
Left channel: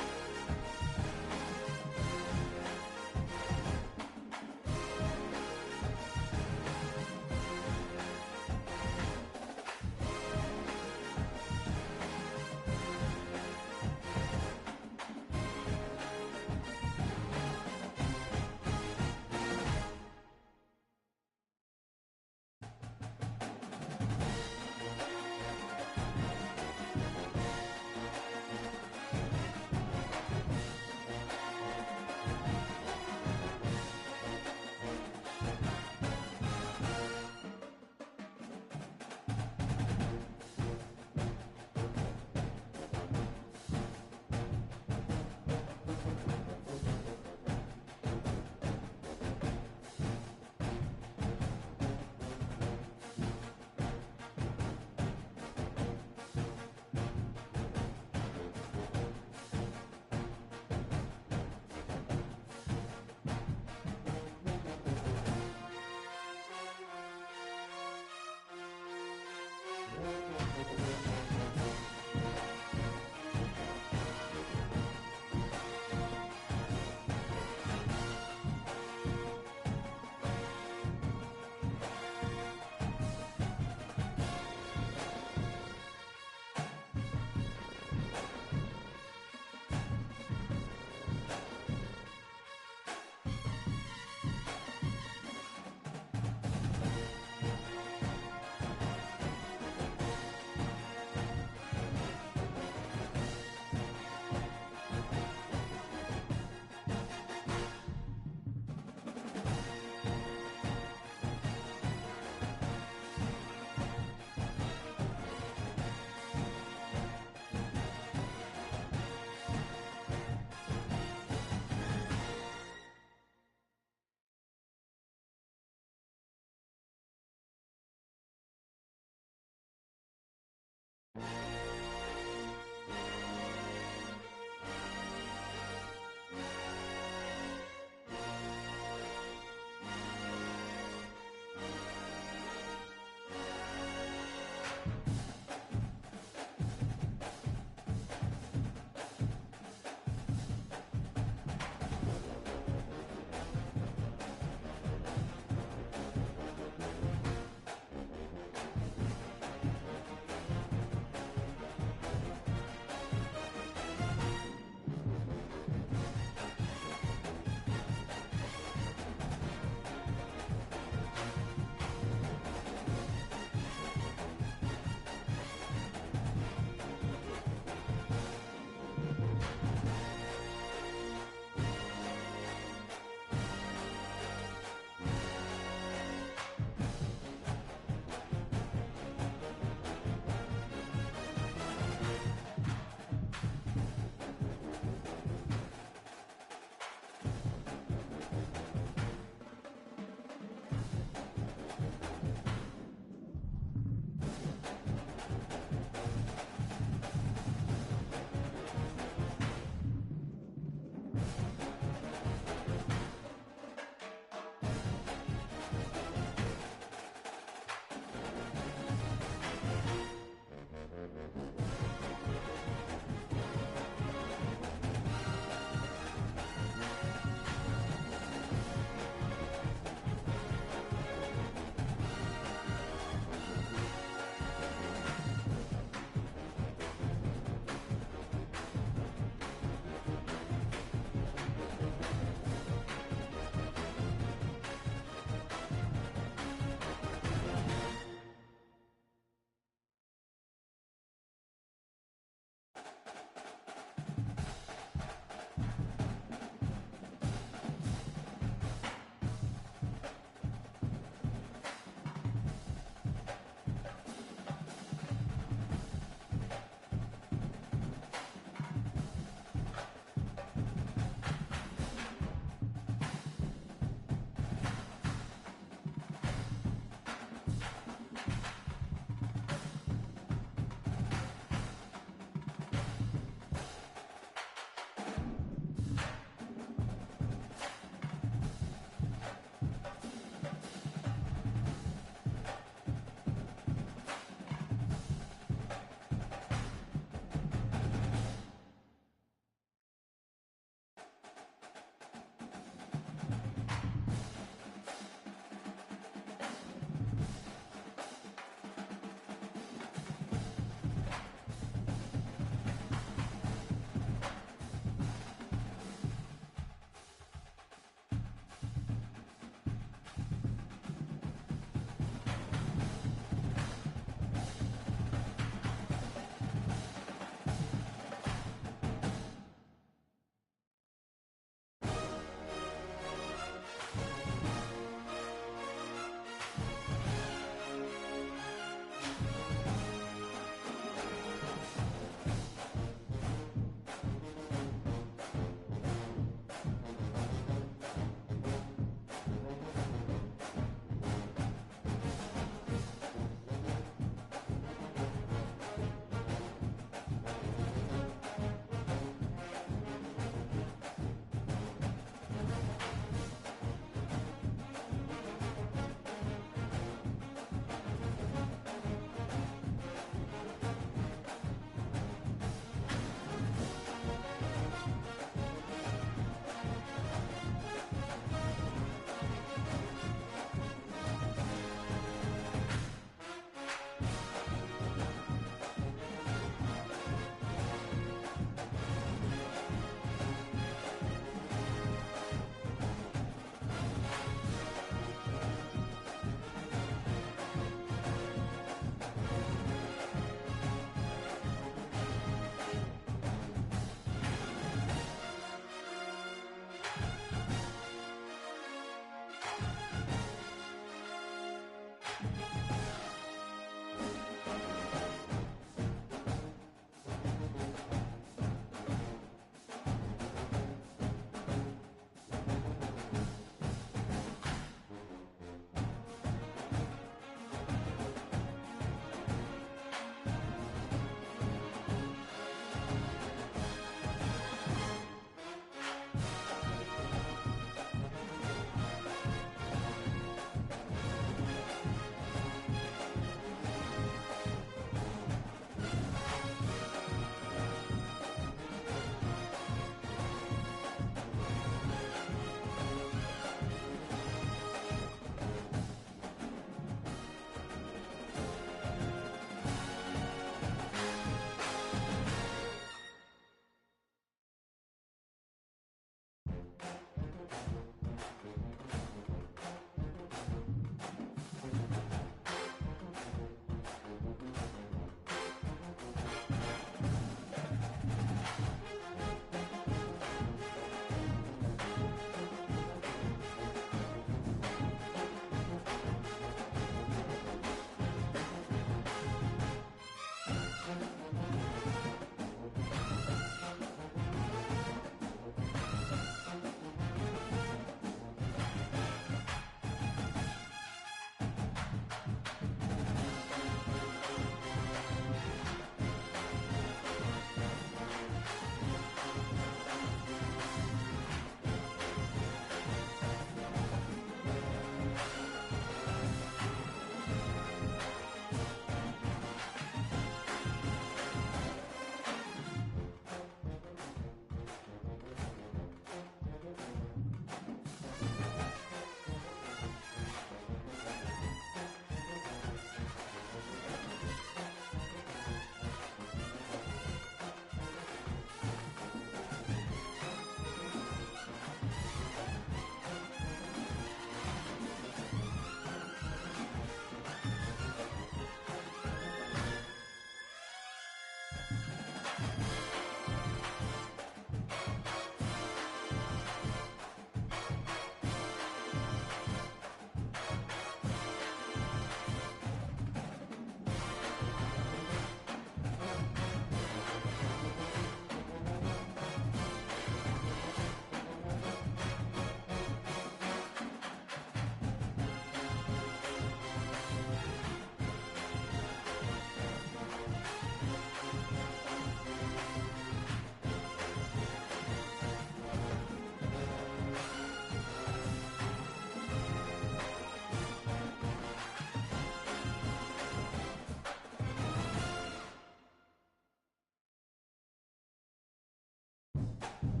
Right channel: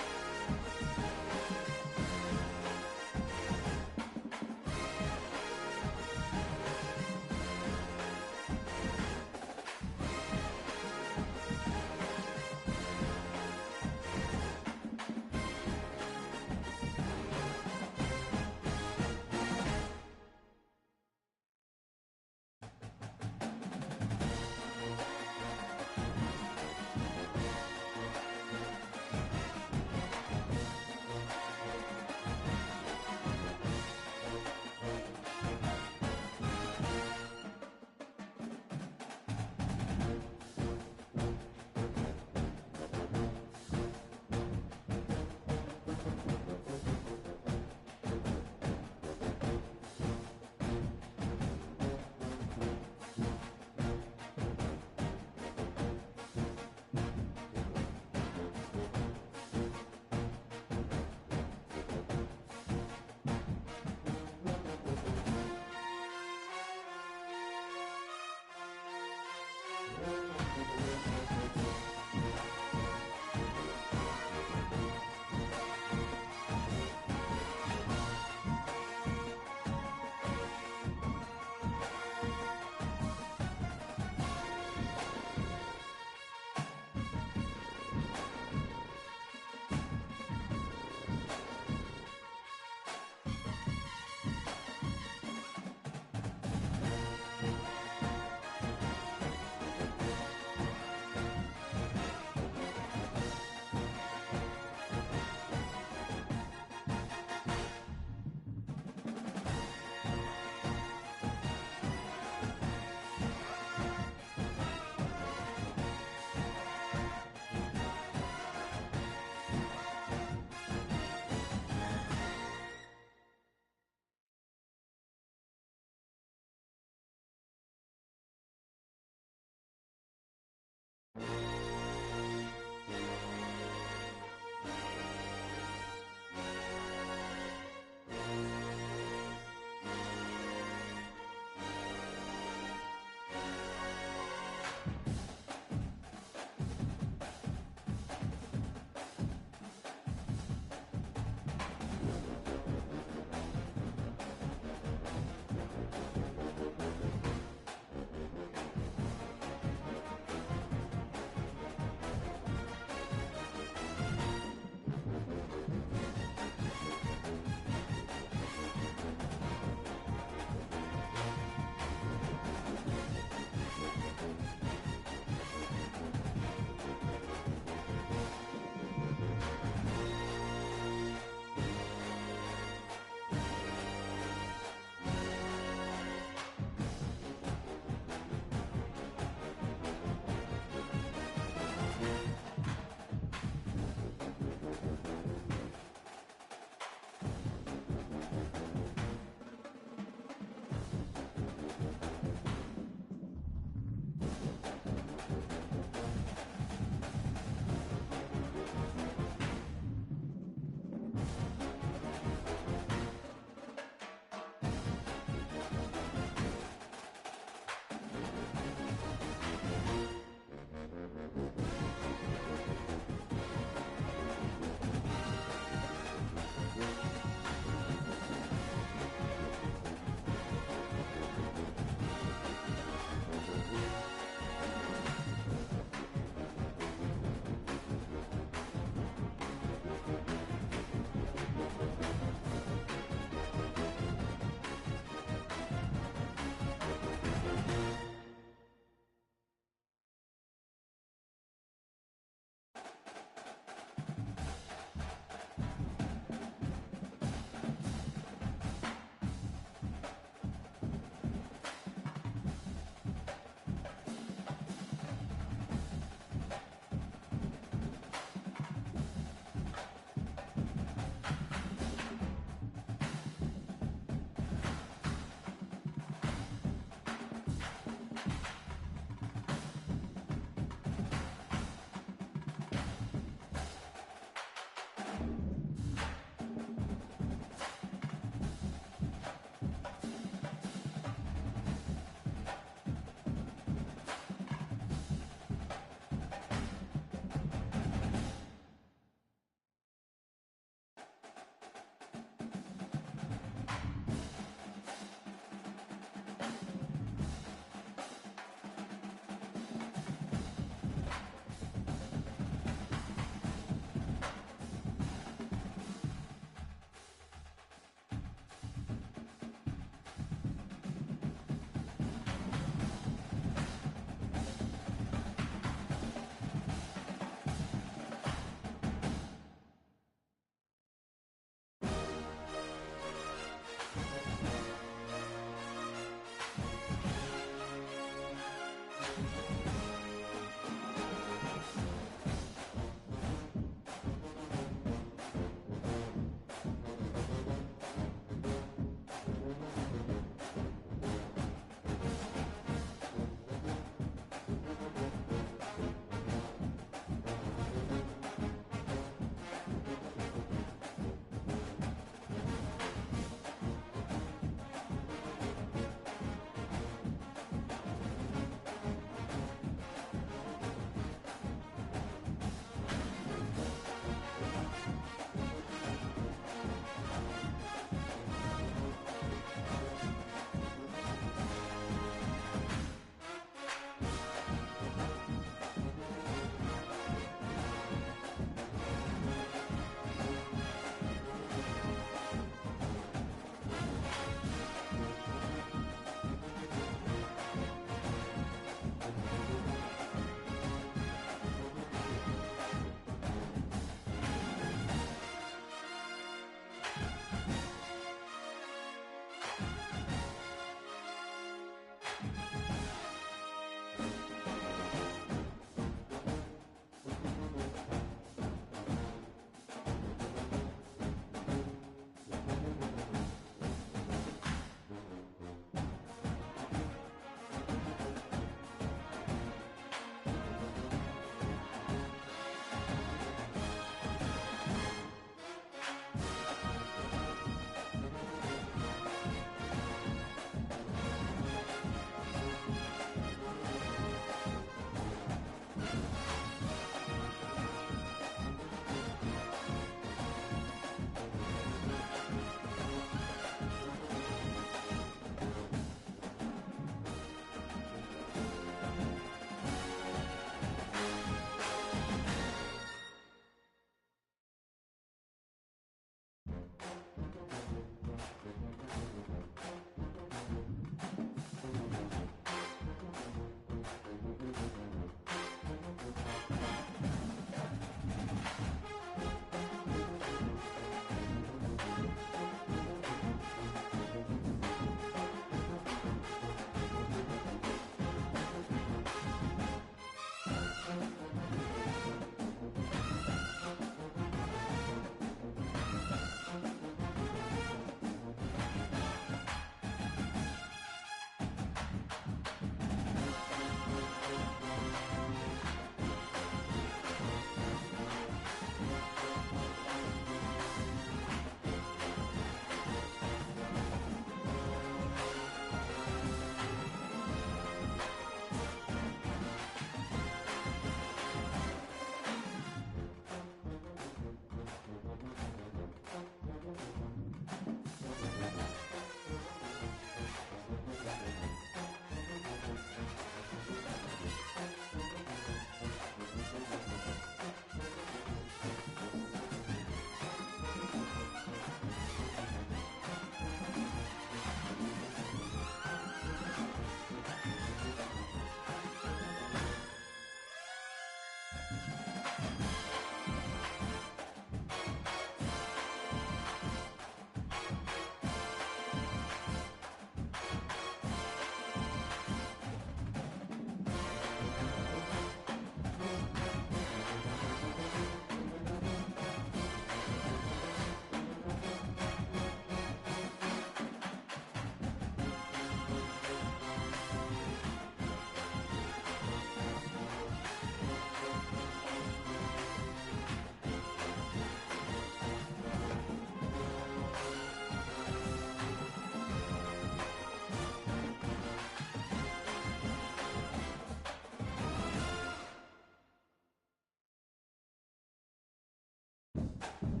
it.